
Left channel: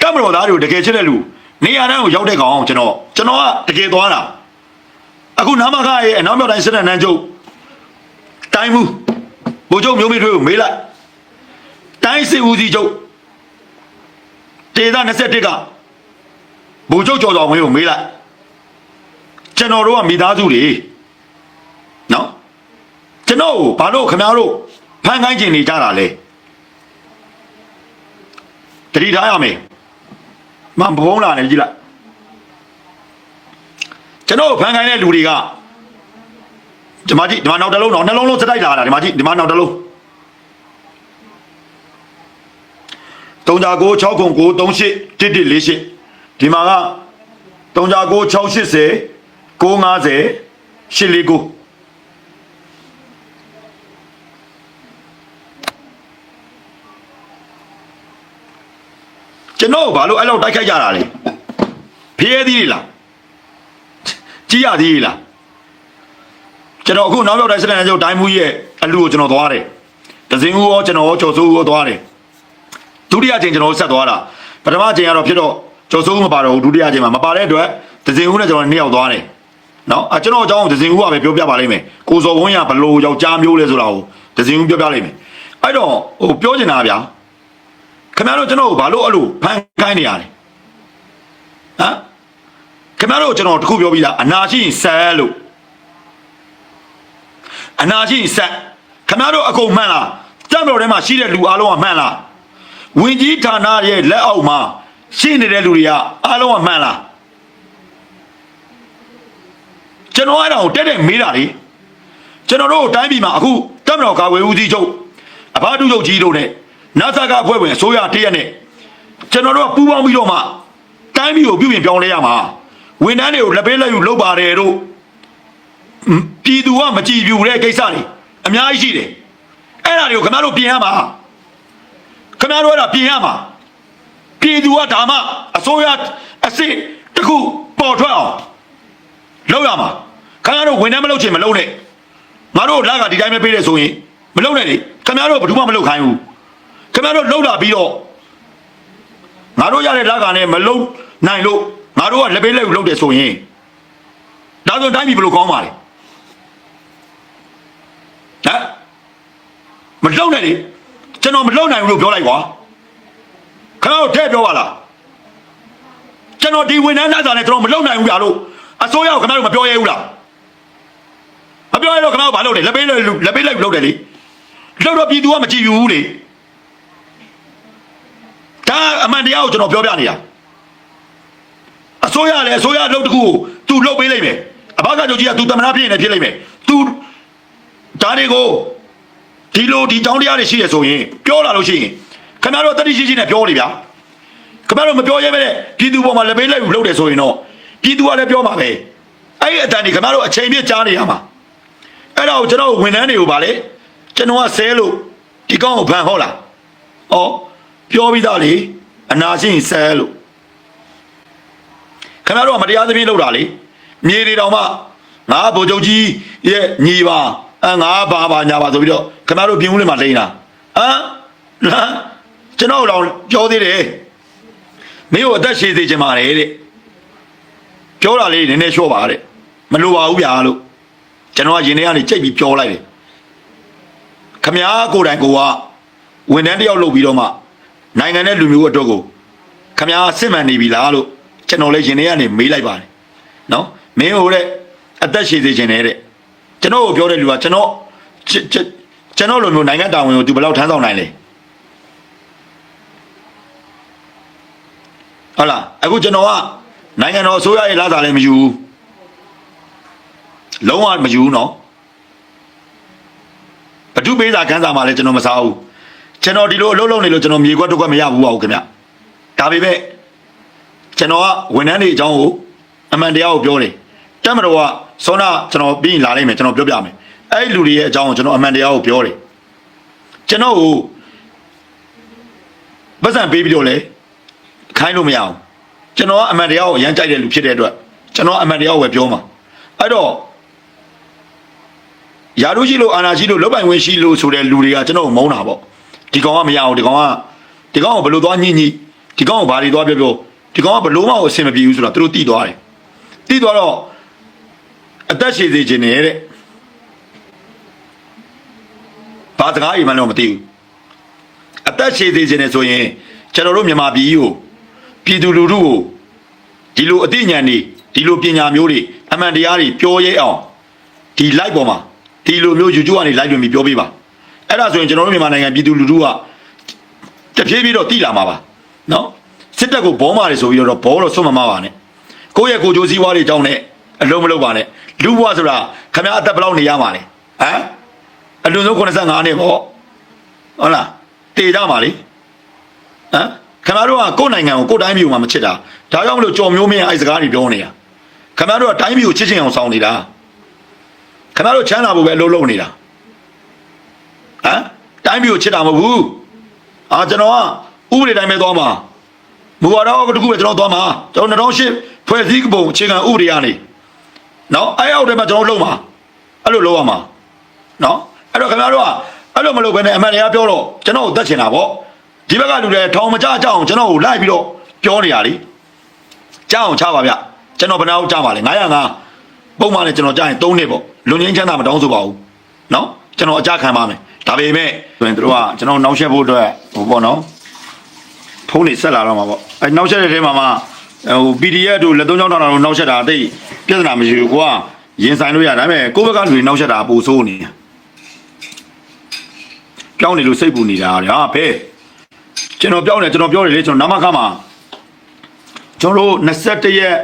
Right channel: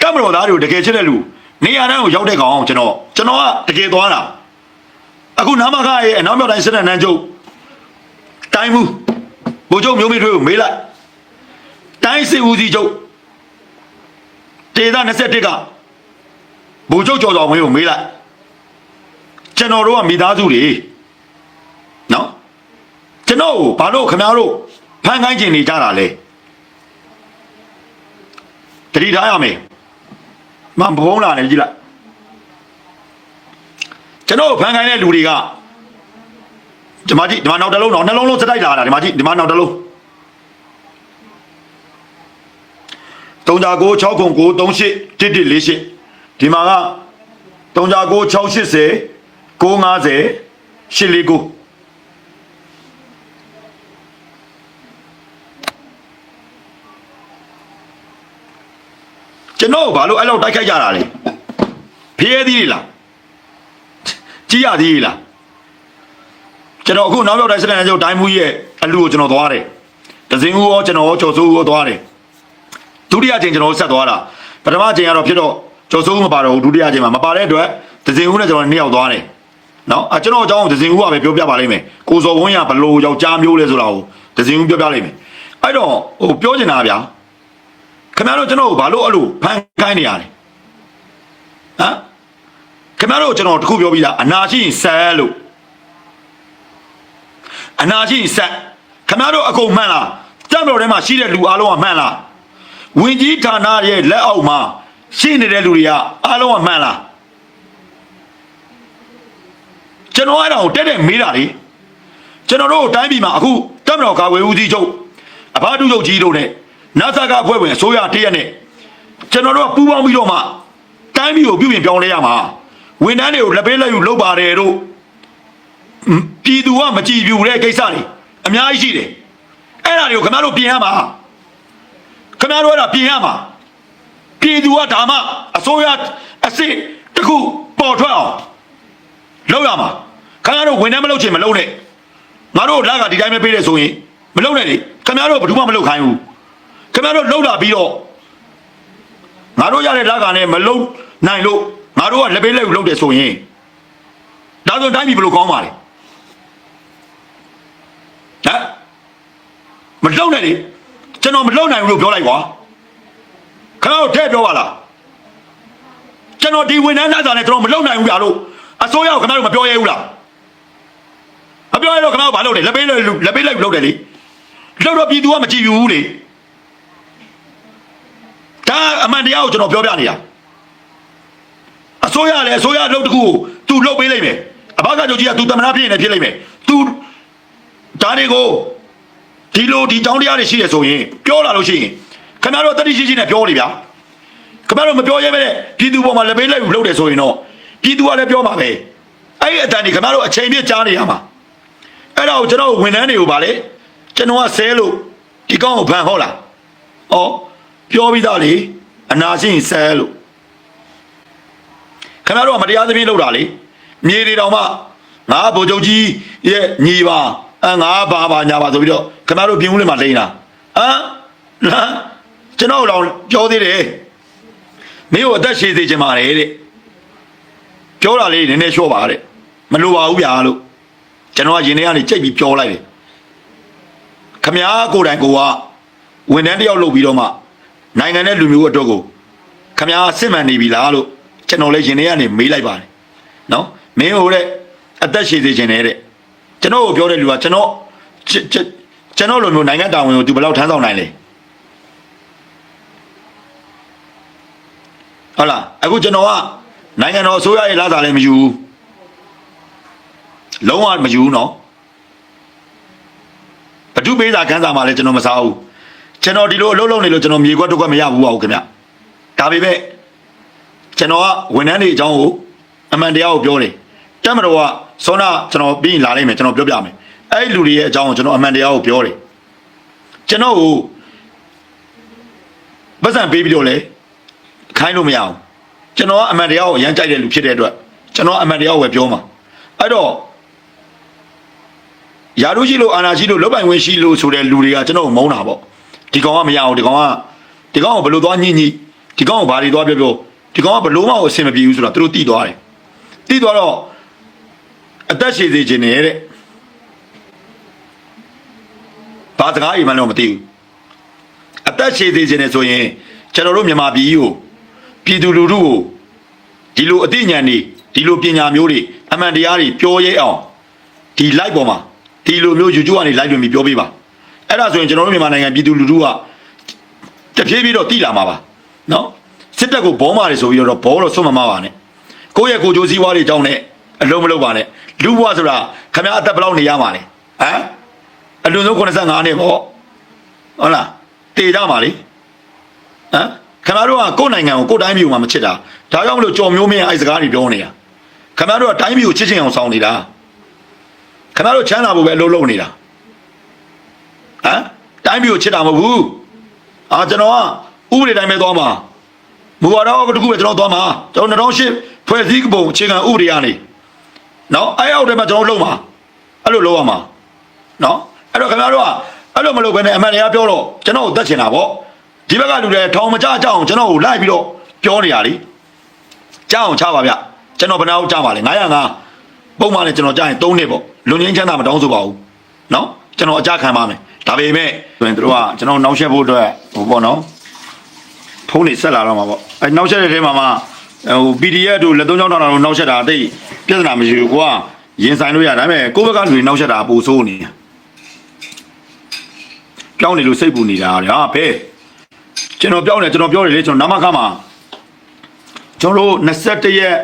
ကမတော်သားတွေကိုတကယ်ချစ်တဲ့လူနေရာတိုင်းကိုရောက်တဲ့ကောင်ကျွန်တော်ကျွန်တော်ကတကယ်သွားတာအခုနာမခရဲ့အနောက်မြောက်တိုင်းစစ်တဲ့နန်းချုပ်တိုင်းမှု ဘိုလ်ချုပ်မျိုးမိတွေကိုမေးလိုက်တိုင်းစစ်ဦးစီးချုပ်ဒေသ21ကဘိုလ်ချုပ်ကျော်တော်ဝင်းကိုမေးလိုက်ကျွန်တော်တို့ကမိသားစုတွေနော်ကျွန်တော်ကိုဘာလို့ခင်ဗျားတို့ဖန်ခိုင်းကျင်နေကြတာလဲတတိထားရမယ်မဘုံလာနေကြည့်လိုက်ကျွန်တော်ဖန်ခိုင်းတဲ့လူတွေက ဒီမှာကြည့်ဒီမှာနောက်တစ်လုံးတော့နှလုံးလုံးစတိုက်လာတာဒီမှာကြည့်ဒီမှာနောက်တစ်လုံး39 609 38 1148ဒီမှာက39 680 950 849ကျွန်တော်ဘာလို့အဲ့လိုတိုက်ခိုက်ကြတာလဲဖျဲသေးလားကြည့်ရသေးလား ကျွန်တော်အခုနောက်ရောက်တိုင်းစတဲ့ကျုပ်တိုင်းမူကြီးရဲ့အလူကိုကျွန်တော်သွားတယ်ဒဇင်ဦးရောကျွန်တော်ရောကျော်စိုးဦးရောသွားတယ်ဒုတိယချိန်ကျွန်တော်ဆက်သွားတာပထမချိန်ကတော့ဖြစ်တော့ကျော်စိုးဦးမပါတော့ဘူးဒုတိယချိန်မှာမပါတဲ့အတွက်ဒဇင်ဦးနဲ့ကျွန်တော်နှစ်ယောက်သွားတယ်နော်အကျွန်တော်အကြောင်းဒဇင်ဦးကပဲပြောပြပါလိမ့်မယ်ကိုစော်ဝင်းရဘလို့ယောက်ျားမျိုးလဲဆိုတာကိုဒဇင်ဦးပြောပြလိမ့်မယ်အဲ့တော့ဟိုပြောချင်တာဗျာခင်ဗျားတို့ကျွန်တော်ကိုဘာလို့အဲ့လိုဖန်ခိုင်းနေရလဲဟမ်ခင်ဗျားတို့ကျွန်တော်တခုပြောပြီးသားအနာရှိရင်ဆန်လို့ အနာရှိရင်ဆန်ခင်ဗျားတို့အကုန်မှန်လားတက်တော်ထဲမှာရှိတဲ့လူအားလုံးကမှန်လားဝင်ကြီးဌာနရဲ့လက်အောက်မှာရှိနေတဲ့လူတွေကအားလုံးကမှန်လားကျွန်တော်အဲ့ဒါကိုတက်တက်မေးတာလေကျွန်တော်တို့တိုင်းပြည်မှာအခုတက်မတော်ကာဝေဦးစီးချုပ်အဘတုချုပ်ကြီးတို့နဲ့နာဆာကအဖွဲ့ဝင်အစိုးရတရက်နဲ့ကျွန်တော်တို့ကပူးပေါင်းပြီးတော့မှတိုင်းပြည်ကိုပြုပြင်ပြောင်းလဲရမှာဝန်ထမ်းတွေကိုလက်ပေးလက်ယူလုပ်ပါတယ်တို့ဟွန်း ပြည်သူကမကြည်ပြူတဲ့ကိစ္စတွေအများကြီးရှိတယ်အဲ့ဒါတွေကိုခင်ဗျားတို့ပြင်ရမှာခင်ဗျားတို့ကပြင်ရမှာပြည်သူကဒါမှအစိုးရအစ်စ်တစ်ခုပေါ်ထွက်အောင်လုပ်ရမှာခင်ဗျားတို့ဝန်ထမ်းမလုပ်ချင်မလုပ်နဲ့ငါတို့လက်ကဒီတိုင်းပဲပေးတယ်ဆိုရင်မလုပ်နဲ့လေခင်ဗျားတို့ဘယ်သူမှမလုပ်ခိုင်းဘူးခင်ဗျားတို့လှုပ်လာပြီးတော့ငါတို့ရတဲ့လက်ကနဲ့မလုံနိုင်လို့ငါတို့ကလက်ပေးလက်ယူလုပ်တယ်ဆိုရင်ဒါဆိုတိုင်းပြည်ဘယ်လိုကောင်းပါလဲ ဟမ်မလှုပ်နဲ့လေကျွန်တော်မလှုပ်နိုင်ဘူးလို့ပြောလိုက်ကွာခါတော့ထဲပြောပါလားကျွန်တော်ဒီဝန်ထမ်းသားနဲ့ကျွန်တော်မလှုပ်နိုင်ဘူးဗျာလို့အစိုးရကခင်ဗျားတို့မပြောရဲဘူးလားမပြောရတော့ခင်ဗျားတို့ဘာလုပ်လဲလက်ပေးလက်ယူလက်ပေးလက်ယူလုပ်တယ်လေလှုပ်တော့ပြည်သူကမကြည့်ဘူးလေဒါအမှန်တရားကိုကျွန်တော်ပြောပြနေတာအစိုးရလည်းအစိုးရလုပ်တခုကိုသူလုပ်ပေးလိုက်မယ်အဘကချုပ်ကြီးကသူတမနာဖြစ်နေဖြစ်လိုက်မယ်သူ ဒါတွေကိုဒီလိုဒီတောင်းတရားတွေရှိရဆိုရင်ပြောလာလို့ရှိရင်ခင်ဗျားတို့တတိရှိရှိနဲ့ပြောနေဗျာခင်ဗျားတို့မပြောရဲပဲနဲ့ပြည်သူပေါ်မှာလက်ပေးလိုက်လို့လုပ်တယ်ဆိုရင်တော့ပြည်သူကလည်းပြောမှာပဲအဲ့ဒီအတန်ဒီခင်ဗျားတို့အချိန်ပြည့်ကြားနေရမှာအဲ့တော့ကျွန်တော်ဝန်ထမ်းတွေကိုဗာလေကျွန်တော်ကဆဲလို့ဒီကောင်းကိုဖန်ဟုတ်လားဩပြောပြီးသားလေအနာချင်းဆဲလို့ခင်ဗျားတို့ကမတရားသဖြင့်လုပ်တာလေမြေတွေတောင်မှငါဗိုလ်ချုပ်ကြီးရဲ့ညီပါ အငါဘာဘာညာပါဆိုပြီးတော့ခင်ဗျားတို့ပြင်းဦးလေးမှာလိမ့်တာဟမ်ဟမ်ကျွန်တော်တို့ပြောသေးတယ်မင်းကိုအသက်ရှည်စေချင်ပါတယ်တဲ့ပြောတာလေးနည်းနည်းလျှော့ပါတဲ့မလိုပါဘူးဗျာလို့ကျွန်တော်ကရင်ထဲကနေကြိတ်ပြီးပြောလိုက်တယ်ခမ ्या ကိုယ်တိုင်ကိုကဝန်ထမ်းတယောက်လုပ်ပြီးတော့နေနိုင်ငံနဲ့လူမျိုးအတွက်ကိုခမ ्या စစ်မှန်နေပြီလားလို့ကျွန်တော်လည်းရင်ထဲကနေမေးလိုက်ပါတယ်နော်မင်းဟိုတဲ့အသက်ရှည်စေချင်တယ်တဲ့ ကျွန်တော်ကိုပြောတဲ့လူကကျွန်တော်ကျွန်တော်လိုမျိုးနိုင်ငံတာဝန်ကိုသူဘယ်လောက်ထမ်းဆောင်နိုင်လဲဟုတ်လားအခုကျွန်တော်ကနိုင်ငံတော်အစိုးရရဲ့လာတာလည်းမယူဘူးလုံးဝမယူဘူးနော်ဘဒုပေးစာခန်းစာမှလည်းကျွန်တော်မစားဘူးကျွန်တော်ဒီလိုအလုပ်လုပ်နေလို့ကျွန်တော်မြေခွက်တော့ခွက်မရဘူးပါဘူးခင်ဗျဒါပေမဲ့ကျွန်တော်ကဝန်ထမ်းတွေအကြောင်းကိုအမှန်တရားကိုပြောတယ်တက်မတော်က စောနာကျွန်တော်ပြီးရင်လာလိုက်မယ်ကျွန်တော်ပြောပြမယ်အဲ့ဒီလူတွေရဲ့အကြောင်းကိုကျွန်တော်အမှန်တရားကိုပြောတယ်ကျွန်တော်ကိုပတ်စံပေးပြီးတော့လေခိုင်းလို့မရအောင်ကျွန်တော်ကအမှန်တရားကိုရမ်းကြိုက်တဲ့လူဖြစ်တဲ့အတွက်ကျွန်တော်အမှန်တရားကိုပဲပြောမှာအဲ့တော့ယာရုရှိလို့အာနာရှိလို့လောက်ပိုင်ဝင်ရှိလို့ဆိုတဲ့လူတွေကကျွန်တော်ကိုမုန်းတာပေါ့ဒီကောင်ကမရအောင်ဒီကောင်ကဒီကောင်ကဘယ်လိုသွားညှိညှိဒီကောင်ကဘာတွေသွားပြောပြောဒီကောင်ကဘယ်လုံးတော့အဆင်မပြေဘူးဆိုတော့သူတို့တည်သွားတယ်တည်သွားတော့ အသက်ရှည်စေခြင်းနဲ့တဲ့ဘာစကားအိမ်မှတော့မသိဘူးအသက်ရှည်သေးခြင်းနဲ့ဆိုရင်ကျွန်တော်တို့မြန်မာပြည်ကိုပြည်သူလူထုကိုဒီလိုအသိဉာဏ်တွေဒီလိုပညာမျိုးတွေအမှန်တရားတွေပြောရဲအောင်ဒီ live ပေါ်မှာဒီလိုမျိုး YouTube ကနေ live ပြင်ပြီးပြောပြပါအဲ့ဒါဆိုရင်ကျွန်တော်တို့မြန်မာနိုင်ငံပြည်သူလူထုကတဖြည်းဖြည်းတော့တိလာမှာပါနော်စစ်တပ်ကိုဘောမာတွေဆိုပြီးတော့ဘောတော့ဆွတ်မမပါနဲ့ကိုယ့်ရဲ့ကိုယ်ကျိုးစည်းဝါးတွေတောင်းနဲ့အလုံးမလုံးပါနဲ့ လူဘဝဆိုတာခင်ဗျားအသက်ဘယ်လောက်နေရပါလဲဟမ်အလိုဆုံး95နှစ်ပေါ့ဟုတ်လားတည်ကြပါလေဟမ်ခင်ဗျားတို့ကကိုယ့်နိုင်ငံကိုကိုယ့်တိုင်းပြည်ကိုမှမချစ်တာဒါကြောင့်မလို့ကြော်မျိုးမင်းအဲ့စကားတွေပြောနေတာခင်ဗျားတို့ကတိုင်းပြည်ကိုချစ်ချင်အောင်ဆောင်နေတာခင်ဗျားတို့ချမ်းသာဖို့ပဲအလုပ်လုပ်နေတာဟမ်တိုင်းပြည်ကိုချစ်တာမဟုတ်ဘူးအာကျွန်တော်ကဥပဒေတိုင်းပဲသွားမှာဘူဝါတော့တခုပဲကျွန်တော်သွားမှာကျွန်တော်2008ဖွဲ့စည်းပုံအခြေခံဥပဒေရနေ နော်အဲ့အောက်ထဲမှာကျွန်တော်လုပ်မှာအဲ့လိုလုပ်ရမှာနော်အဲ့တော့ခင်ဗျားတို့ကအဲ့လိုမလုပ်ဘဲနဲ့အမှန်တရားပြောတော့ကျွန်တော်ကိုတတ်ချင်တာပေါ့ဒီဘက်ကလူတွေထောင်မချကြအောင်ကျွန်တော်ကိုလိုက်ပြီးတော့ပြောနေရလीကြောက်အောင်ချပါဗျကျွန်တော်ဘယ်နှအောင်ချပါလဲ905ပုံမှန်လည်းကျွန်တော်ကြားရင်3နှစ်ပေါ့လူရင်းချမ်းသာမတောင်းဆိုပါဘူးနော်ကျွန်တော်အကြခံပါမယ်ဒါပေမဲ့ဆိုရင်တို့ကကျွန်တော်နောက်ဆက်ဖို့အတွက်ဟိုပေါ့နော်ဖုန်းနေဆက်လာတော့မှာပေါ့အဲနောက်ဆက်တဲ့ထဲမှာမှဟို PDF တို့လက်သုံးချောင်းထောင်တာတို့နောက်ဆက်တာအသိ ပြဿနာမရှိဘူးကိုကရင်ဆိုင်လို့ရဒါပေမဲ့ကိုယ့်ဘက်ကလူတွေနောက်ဆက်တာအပူဆိုးနေတာပြောင်းနေလို့စိတ်ပူနေတာတဲ့ဟာဖဲကျွန်တော်ပြောင်းနေကျွန်တော်ပြောတယ်လေကျွန်တော်နမခမှာကျွန်တော်တို့21ရက်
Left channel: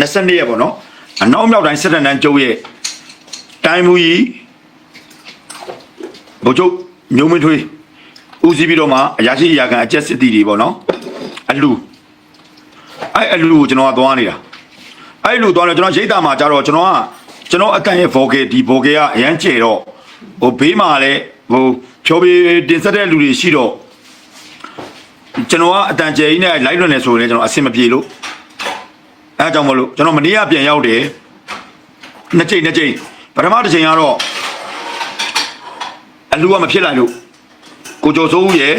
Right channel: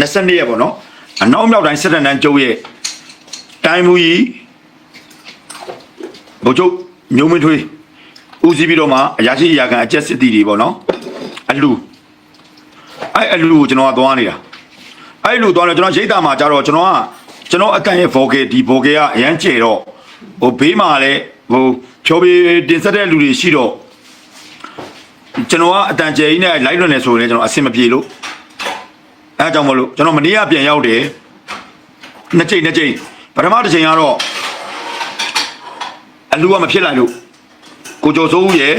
22ရက်ပေါ့နော်အနောက်မြောက်တိုင်းစစ်ကောင်ကျုံရဲ့တိုင်းမူကြီးဘုချုပ်ညုံမထွေးဦးစီးပြီးတော့မှအရာရှိအရာခံအကျက်စစ်တီတွေပေါ့နော်အလူအဲ့အလူကိုကျွန်တော်ကသွားနေတာ အဲ့လူသွားတယ်ကျွန်တော်ရိတ်တာမှာကြတော့ကျွန်တော်ကကျွန်တော်အကန်ရဲ့ vocal ဒီ vocal ကအရန်ကျဲတော့ဟိုဘေးမှာလည်းဟိုဖြောပြေတင်ဆက်တဲ့လူတွေရှိတော့ကျွန်တော်ကအတန်ကျဲကြီးနဲ့လိုက်လို့နေဆိုရင်လည်းကျွန်တော်အဆင်မပြေလို့အဲဒါကြောင့်မလို့ကျွန်တော်မနေ့ကပြန်ရောက်တယ်နှစ်ချိန်နှစ်ချိန်ပထမတစ်ချိန်ကတော့အလူကမဖြစ်လိုက်လို့ကိုကျော်စိုးဦးရဲ့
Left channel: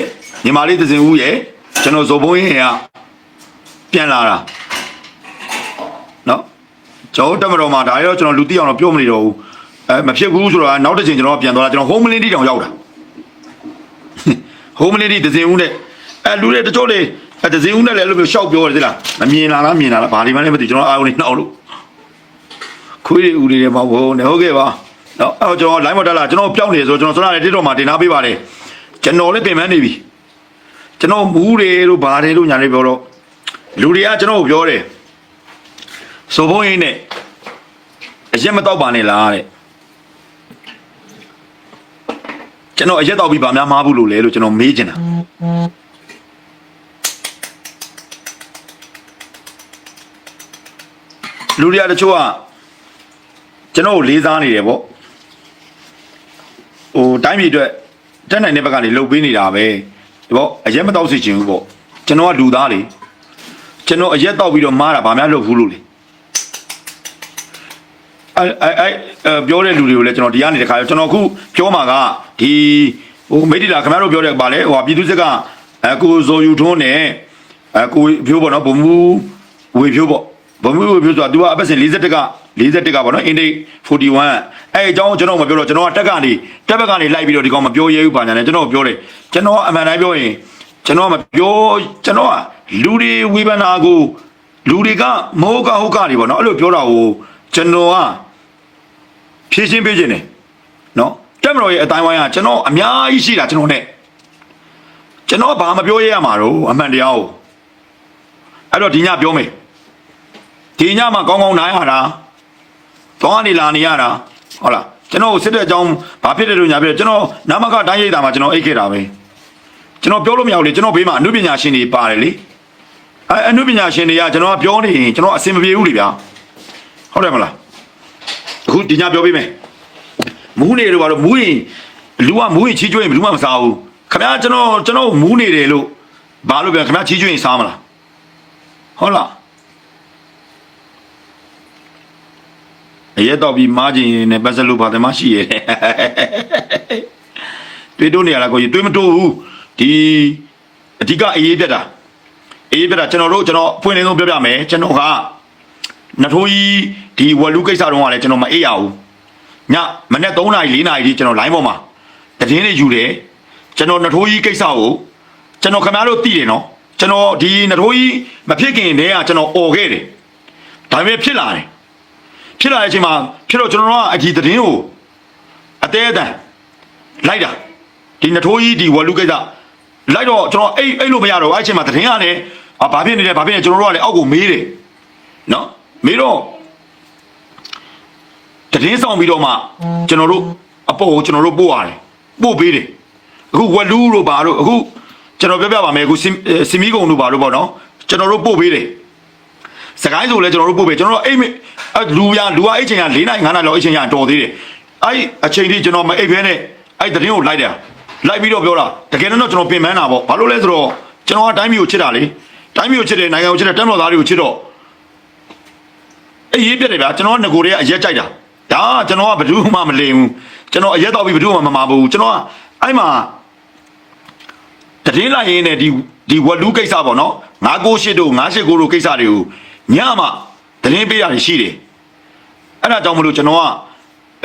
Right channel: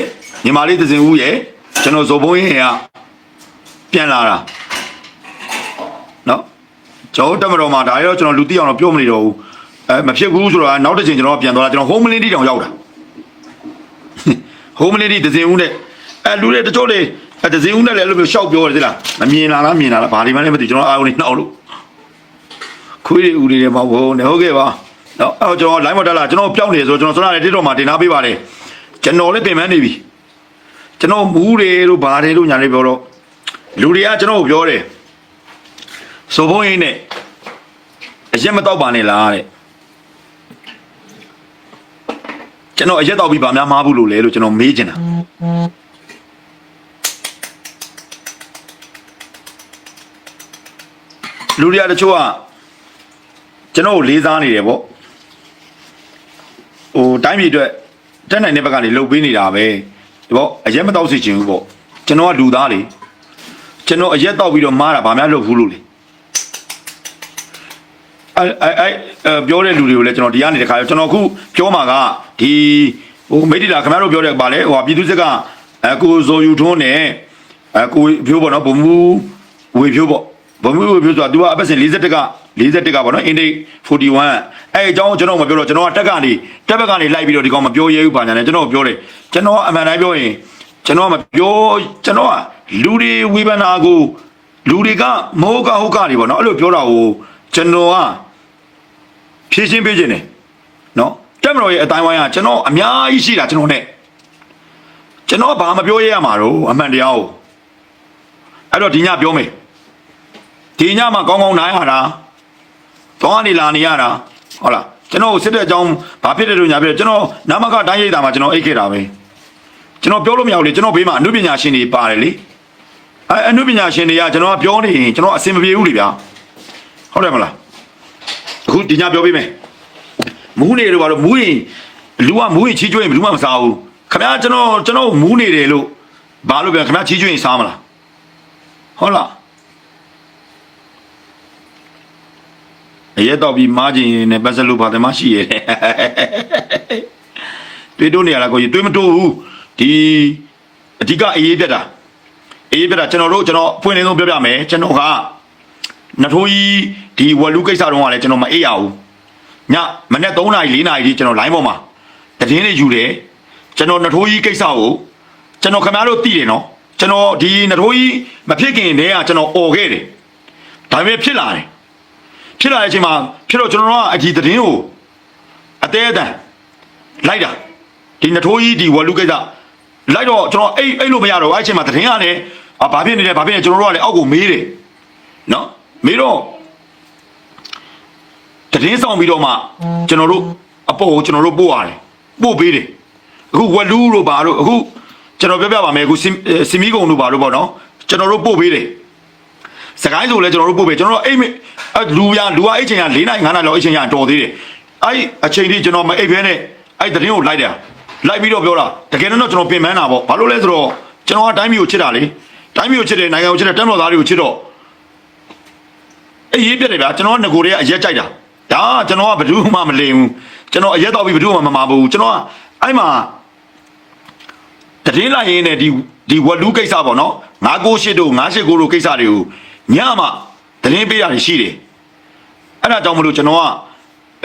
ညီမလေးသစင်ဦးရဲ့ကျွန်တော်ဇော်ဘုံရင်ကပြန်လာတာနော် ကျောင်းတက်မတော်မှာဒါရောကျွန်တော်လူတိအောင်တော့ပြောမနေတော့ဘူးအဲမဖြစ်ဘူးဆိုတော့နောက်တစ်ချိန်ကျွန်တော်ပြန်သွားတာကျွန်တော် home lady တောင်ရောက်တာ home lady ဒဇင်ဦးနဲ့အဲလူတွေတချို့တွေအဲဒဇင်ဦးနဲ့လည်းအဲ့လိုမျိုးရှောက်ပြောတယ်သိလားမမြင်လာလားမြင်လာလားဘာဒီမှလည်းမသိကျွန်တော်အားလုံးနှောက်လို့ခွေးတွေဦးတွေမှာဘုံနေဟုတ်ကဲ့ပါနော်အဲကျွန်တော် line မတက်လာကျွန်တော်ပြောင်းနေဆိုကျွန်တော်စွမ်းရတဲ့တစ်တော်မှာတင်ထားပေးပါတယ်ကျွန်တော်လည်းပြင်ပန်းနေပြီကျွန်တော်မူးတွေတို့ဘာတွေတို့ညာတွေပြောတော့လူတွေကကျွန်တော်ကိုပြောတယ် ဆိုဘုံရင်းနဲ့အရက်မတော့ပါနဲ့လားတဲ့ကျွန်တော်အရက်တော့ပြီးဗာများမားဘူးလို့လဲလို့ကျွန်တော်မေးချင်တာလူတွေကတချို့ကကျွန်တော်ကိုလေးစားနေတယ်ပေါ့ဟိုတိုင်းပြည်အတွက်တက်နိုင်တဲ့ဘက်ကနေလှုပ်ပေးနေတာပဲဒီပေါ့အရက်မတော့စီချင်ဘူးပေါ့ကျွန်တော်ကလူသားလေကျွန်တော်အရက်တော့ပြီးတော့မားတာဗာများလုပ်ဘူးလို့လေ အဲအဲအဲပြောတဲ့လူတွေကိုလည်းကျွန်တော်ဒီကနေတခါကျွန်တော်အခုပြောမှာကဒီဟိုမိတ်တီလာခင်ဗျားတို့ပြောတဲ့ပါလေဟိုပြည်သူစစ်ကအကိုဇော်ယူထွန်းနဲ့အကိုဖြိုးပေါ့နော်ဘုံမူဝေဖြိုးပေါ့ဘုံမူဝေဖြိုးဆိုတာ तू ကအပတ်စဉ်41က41ကပေါ့နော် intake 41အဲအကြောင်းကျွန်တော်မပြောတော့ကျွန်တော်ကတက်ကနေတက်ဘက်ကနေလိုက်ပြီးတော့ဒီကောင်မပြောရဲဘူးပါညာနဲ့ကျွန်တော်ပြောတယ်ကျွန်တော်အမှန်တိုင်းပြောရင်ကျွန်တော်မပြောကျွန်တော်ကလူတွေဝေဖန်တာကိုလူတွေကမောကဟုတ်ကနေပေါ့နော်အဲ့လိုပြောတာကိုကျွန်တော်က ဖြည့်ရှင်းပေးခြင်းတယ်နော်တက်မလို့ရဲ့အတိုင်းဝိုင်းကကျွန်တော်အများကြီးရှိတာကျွန်တော်နဲ့ကျွန်တော်ဘာမပြောရရမှာတော့အမှန်တရားကိုအဲ့တော့ဒီညပြောမယ်ဒီညမှာကောင်းကောင်းနိုင်ရတာကောင်းကနေလာနေရတာဟုတ်လားကျွန်တော်စစ်တဲ့အကြောင်းဘာဖြစ်တယ်လို့ညာပြကျွန်တော်နာမကတိုင်းရိပ်တာမှာကျွန်တော်အိတ်ခဲ့တာပဲကျွန်တော်ပြောလို့မရဘူးလေကျွန်တော်ဘေးမှာအနုပညာရှင်တွေပါတယ်လေအဲအနုပညာရှင်တွေကကျွန်တော်ကပြောနေရင်ကျွန်တော်အဆင်မပြေဘူးလေဗျာဟုတ်တယ်မလား အခုဒီညပြောပေးမယ်မူးနေလို့ပါတော့မူးရင်လူကမူးရင်ချီးကျွေးရင်ဘယ်သူမှမစားဘူးခင်ဗျားကျွန်တော်ကျွန်တော်မူးနေတယ်လို့ဘာလို့ပြောခင်ဗျားချီးကျွေးရင်စားမလားဟုတ်လားအရက်တော့ပြီးမားခြင်းနဲ့ပတ်သက်လို့ပါတယ်မရှိရဲ့တွေ့တော့နေရလားကိုကြီးတွေ့မတွေ့ဘူးဒီအဓိကအရေးပြတ်တာအေးပြတ်တာကျွန်တော်တို့ကျွန်တော်ဖွင့်နေဆုံးပြောပြမယ်ကျွန်တော်က နထိုးကြီးဒီဝလူကိစ္စတုန်းကလည်းကျွန်တော်မအေးရဘူးညမနေ့3နာရီ4နာရီကျွန်တော် live ပေါ်မှာတည်င်းလေးယူတယ်ကျွန်တော်နထိုးကြီးကိစ္စကိုကျွန်တော်ခင်ဗျားတို့သိတယ်နော်ကျွန်တော်ဒီနထိုးကြီးမဖြစ်ခင်တည်းကကျွန်တော်អော်ခဲ့တယ်ဒါပေမဲ့ဖြစ်လာတယ်ဖြစ်လာတဲ့အချိန်မှာဖြစ်တော့ကျွန်တော်ကအဒီတည်င်းကိုအသေးအတန်လိုက်တာဒီနထိုးကြီးဒီဝလူကိစ္စလိုက်တော့ကျွန်တော်အိတ်အိတ်လို့မရတော့အဲ့အချိန်မှာတည်င်းကလည်းအာဘာဖြစ်နေလဲဘာဖြစ်နေကျွန်တော်တို့ကလည်းအောက်ကိုမေးတယ်နော် မေတော့တည်င်းဆောင်ပြီးတော့မှကျွန်တော်တို့အပေါ်ကိုကျွန်တော်တို့ပို့ရတယ်ပို့ပေးတယ်အခုဝက်လူးတို့ဘာတို့အခုကျွန်တော်ပြောပြပါမယ်အခုစင်စင်မီကုံတို့ဘာတို့ပေါ့နော်ကျွန်တော်တို့ပို့ပေးတယ်စကိုင်းဆိုလဲကျွန်တော်တို့ပို့ပေးကျွန်တော်တို့အိတ်မအဲ့လူရလူကအိတ်ချိန်က၄နိုင်၅နိုင်လောက်အိတ်ချိန်ကတော်သေးတယ်အဲ့အချိန်ကြီးကျွန်တော်မအိတ်ဖဲနဲ့အဲ့တည်င်းကိုလိုက်တာလိုက်ပြီးတော့ပြောတာတကယ်တော့ကျွန်တော်ပြင်ပန်းတာပေါ့ဘာလို့လဲဆိုတော့ကျွန်တော်ကတိုင်းမျိုးကိုချစ်တာလေတိုင်းမျိုးကိုချစ်တယ်နိုင်ငံကိုချစ်တယ်တမ်းတော်သားတွေကိုချစ်တော့ အရေးပြတယ်ဗျာကျွန်တော်ကငကိုတွေကအရက်ကြိုက်တာဒါကကျွန်တော်ကဘယ်သူမှမလင်ဘူးကျွန်တော်အရက်တော့ပြီးဘယ်သူမှမမာဘူးကျွန်တော်အဲ့မှာတတိလိုက်ရင်းနဲ့ဒီဒီဝလူကိစ္စပေါ့နော်ငါကိုရှိတို့ငါရှိကိုတို့ကိစ္စတွေကိုညမှာတရင်ပေးရတယ်ရှိတယ်အဲ့ဒါကြောင့်မလို့ကျွန်တော်က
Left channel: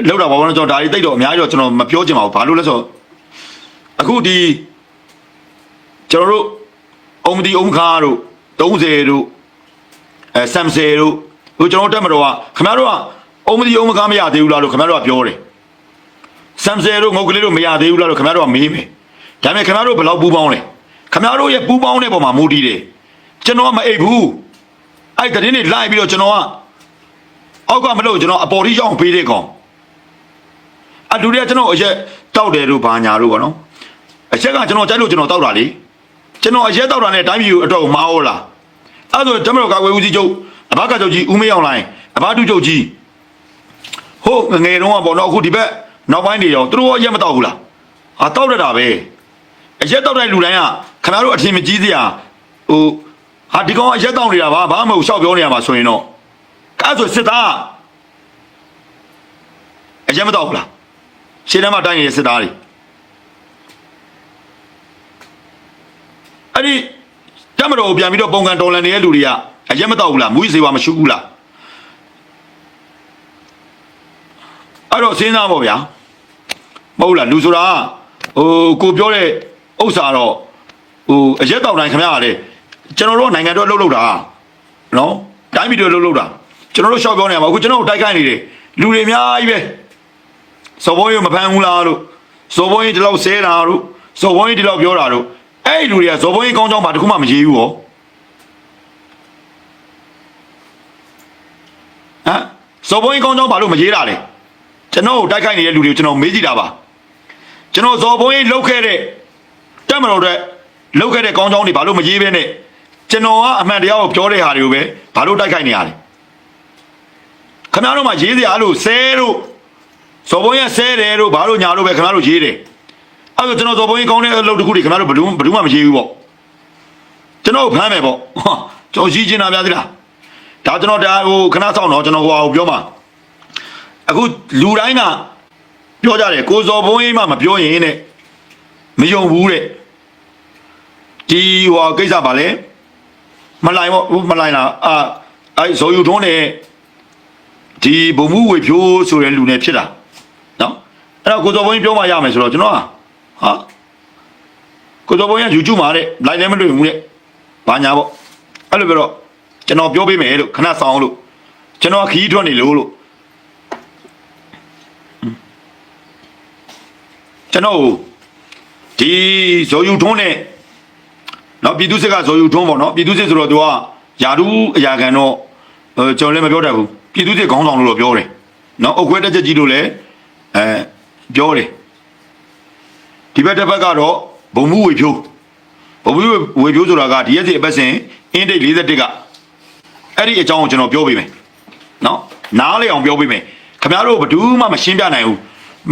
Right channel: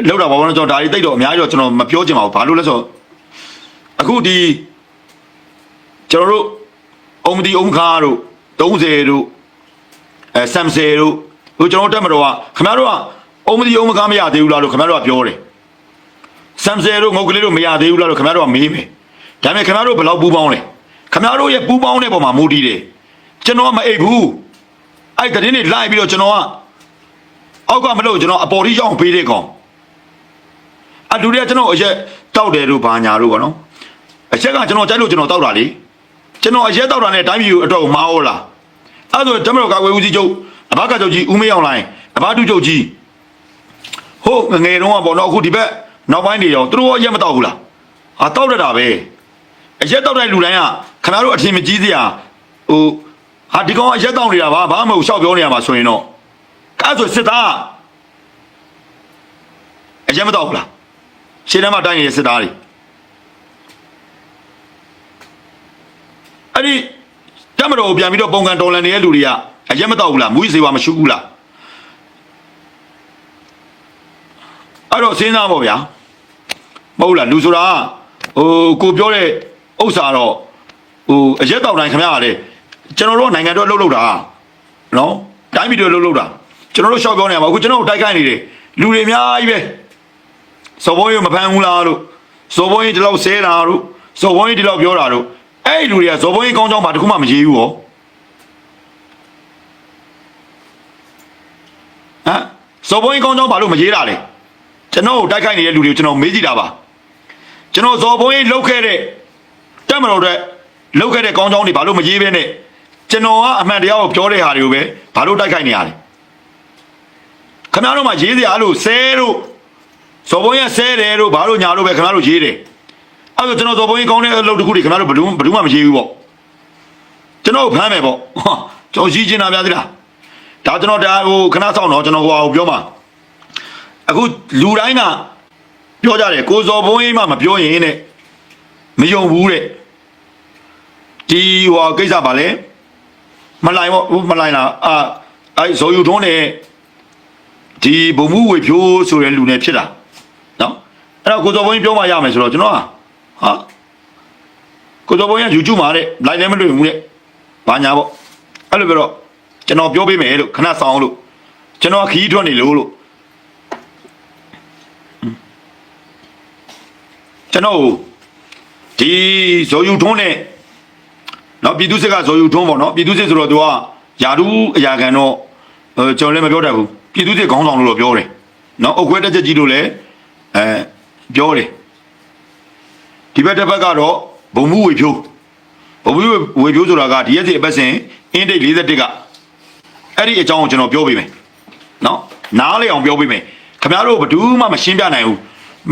လောက်တာဘာလို့ကျွန်တော်ဒါတွေတိတ်တော့အများကြီးတော့ကျွန်တော်မပြောချင်ပါဘူးဘာလို့လဲဆိုတော့အခုဒီကျွန်တော်တို့အုံမဒီအုံခါတို့30တို့အဲဆမ်ဆေတို့ ဟိုကျွန်တော်တက်မတော်ကခင်ဗျားတို့ကအုံမဒီအုံမကားမရသေးဘူးလားလို့ခင်ဗျားတို့ကပြောတယ်ဆမ်ဆေတို့ငုတ်ကလေးတို့မရသေးဘူးလားလို့ခင်ဗျားတို့ကမေးမယ်ဒါပေမဲ့ခင်ဗျားတို့ဘယ်လောက်ပူပေါင်းလဲခင်ဗျားတို့ရဲ့ပူပေါင်းတဲ့ပုံမှာမိုးတီးလေကျွန်တော်ကမအိပ်ဘူးအဲ့တရင်တွေလိုက်ပြီးတော့ကျွန်တော်ကအောက်ကမလို့ကျွန်တော်အပေါ်ကြီးရောက်ပေးတဲ့ကောင်အတူတည်းကျွန်တော်အရက်တောက်တယ်လို့ဘာညာလို့ပေါ့နော်အချက်ကကျွန်တော်ကြိုက်လို့ကျွန်တော်တောက်တာလေကျွန်တော်အရက်တောက်တာနဲ့တိုင်းပြည်ကိုအတွက်ကိုမဟုတ်လားအဲ့ဒါကျွန်တော်ကဝေဦးကြီးချုပ် အဘကချုပ်ကြီးဦးမရောက်လာရင်အဘတုချုပ်ကြီးဟုတ်ငယ်တုန်းကဘောနော်အခုဒီဘက်နောက်ပိုင်းနေအောင်သူတို့အညမတော့ဘူးလားဟာတောက်ရတာပဲအရက်တောက်တဲ့လူတိုင်းကခဏတို့အထင်မကြီးသေးอ่ะဟိုဒီကောင်အရက်တောက်နေတာပဲဘာမှမဟုတ်ရှောက်ပြောနေရမှာဆိုရင်တော့အဲ့ဆိုစစ်သားအရက်မတော့ဘူးလားရှင်းထဲမှာတိုင်းရင်စစ်သားတယ်အဲ့ဒီတမတော်ကိုပြန်ပြီးတော့ပုံကန်တော်လန်နေတဲ့လူတွေက အရက်မတော့ဘူးလားမူးစေဝါမရှိဘူးလားအဲ့တော့စဉ်းစားပါဗျာမဟုတ်လားလူဆိုတာဟိုကိုပြောတဲ့ဥစ္စာတော့ဟိုအရက်တော့တိုင်းခင်ဗျားကလေကျွန်တော်တို့နိုင်ငံတော်လှုပ်လှုပ်တာနော်တိုင်းပြည်တော်လှုပ်လှုပ်တာကျွန်တော်တို့ရှောက်ပြောနေမှာအခုကျွန်တော်တို့တိုက်ခိုက်နေတယ်လူတွေအများကြီးပဲစော်ဘုံကြီးမဖမ်းဘူးလားလို့စော်ဘုံကြီးဒီလောက်ဆဲတာတို့စော်ဘုံကြီးဒီလောက်ပြောတာတို့အဲ့ဒီလူတွေကစော်ဘုံကြီးကောင်းကြောင်းမှာတခုမှမရေးဘူးဟော ဟမ်စော်ဘွေးကောင်းကြောင်းဘာလို့မရေးတာလဲကျွန်တော်ကိုတိုက်ခိုက်နေတဲ့လူတွေကိုကျွန်တော်မေးကြည့်တာပါကျွန်တော်ဇော်ဘုန်းကြီးလှုပ်ခဲ့တဲ့တက်မလို့တော့လှုပ်ခဲ့တဲ့ကောင်းကောင်းတွေဘာလို့မရေးဘဲနဲ့ကျွန်တော်ကအမှန်တရားကိုပြောတဲ့ဟာတွေကိုပဲဘာလို့တိုက်ခိုက်နေရလဲခင်ဗျားတို့မှရေးစရာလို့ဆဲလို့ဇော်ဘုန်းကြီးဆဲတယ်လို့ဘာလို့ညာလို့ပဲခင်ဗျားတို့ရေးတယ်အဲ့တော့ကျွန်တော်ဇော်ဘုန်းကြီးကောင်းတဲ့အလုပ်တစ်ခုတွေခင်ဗျားတို့ဘယ်သူဘယ်သူမှမရေးဘူးပေါ့ကျွန်တော်ဖမ်းမယ်ပေါ့ဟောကြော်ရှိချင်တာဗျာဒီလား ဒါကျွန်တော်ဒါဟိုခဏဆောင်တော့ကျွန်တော်ဟိုဟာကိုပြောမှာအခုလူတိုင်းကပြောကြတယ်ကိုဇော်ဘုန်းကြီးမှမပြောရင်တဲ့မယုံဘူးတဲ့ဒီဟိုကိစ္စပါလေမလိုက်ပေါ့ဟိုမလိုက်လားအာအဲဇော်ယူထုံးတဲ့ဒီဘုံမှုဝေဖြိုးဆိုတဲ့လူနဲ့ဖြစ်တာနော်အဲ့တော့ကိုဇော်ဘုန်းကြီးပြောမှရမယ်ဆိုတော့ကျွန်တော်ဟာဟာကိုဇော်ဘုန်းကြီး YouTube မှာတဲ့လိုက်လည်းမတွေ့ဘူးတဲ့ငါညာပေါ့အဲ့လိုပြောတော့ ကျွန်တော်ပြောပေးမယ်လို့ခဏဆောင်လို့ကျွန်တော်ခီးထွက်နေလို့လို့ကျွန်တော်ဒီဇော်ယူထုံးနဲ့နော်ပြည်သူစစ်ကဇော်ယူထုံးပေါ့နော်ပြည်သူစစ်ဆိုတော့သူကယာဒူးအရာခံတော့အဲကျွန်တော်လည်းမပြောတတ်ဘူးပြည်သူစစ်ခေါင်းဆောင်လို့တော့ပြောတယ်နော်အုတ်ခွဲတက်ချက်ကြီးလို့လည်းအဲပြောတယ်ဒီဘက်တစ်ဘက်ကတော့ဘုံမှုဝေဖြိုးဘုံမှုဝေဖြိုးဆိုတာကဒီရက်စီအပတ်စဉ်အင်းတိတ်41က အဲ့ဒီအကြောင်းကိုကျွန်တော်ပြောပေးမယ်နော်နားလေအောင်ပြောပေးမယ်ခင်ဗျားတို့ဘယ်သူမှမရှင်းပြနိုင်ဘူး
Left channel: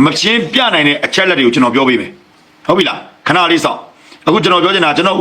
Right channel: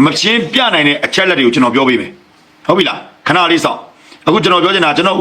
မရှင်းပြနိုင်တဲ့အချက်လက်တွေကိုကျွန်တော်ပြောပေးမယ်ဟုတ်ပြီလားခဏလေးစောင့်အခုကျွန်တော်ပြောချင်တာကျွန်တော်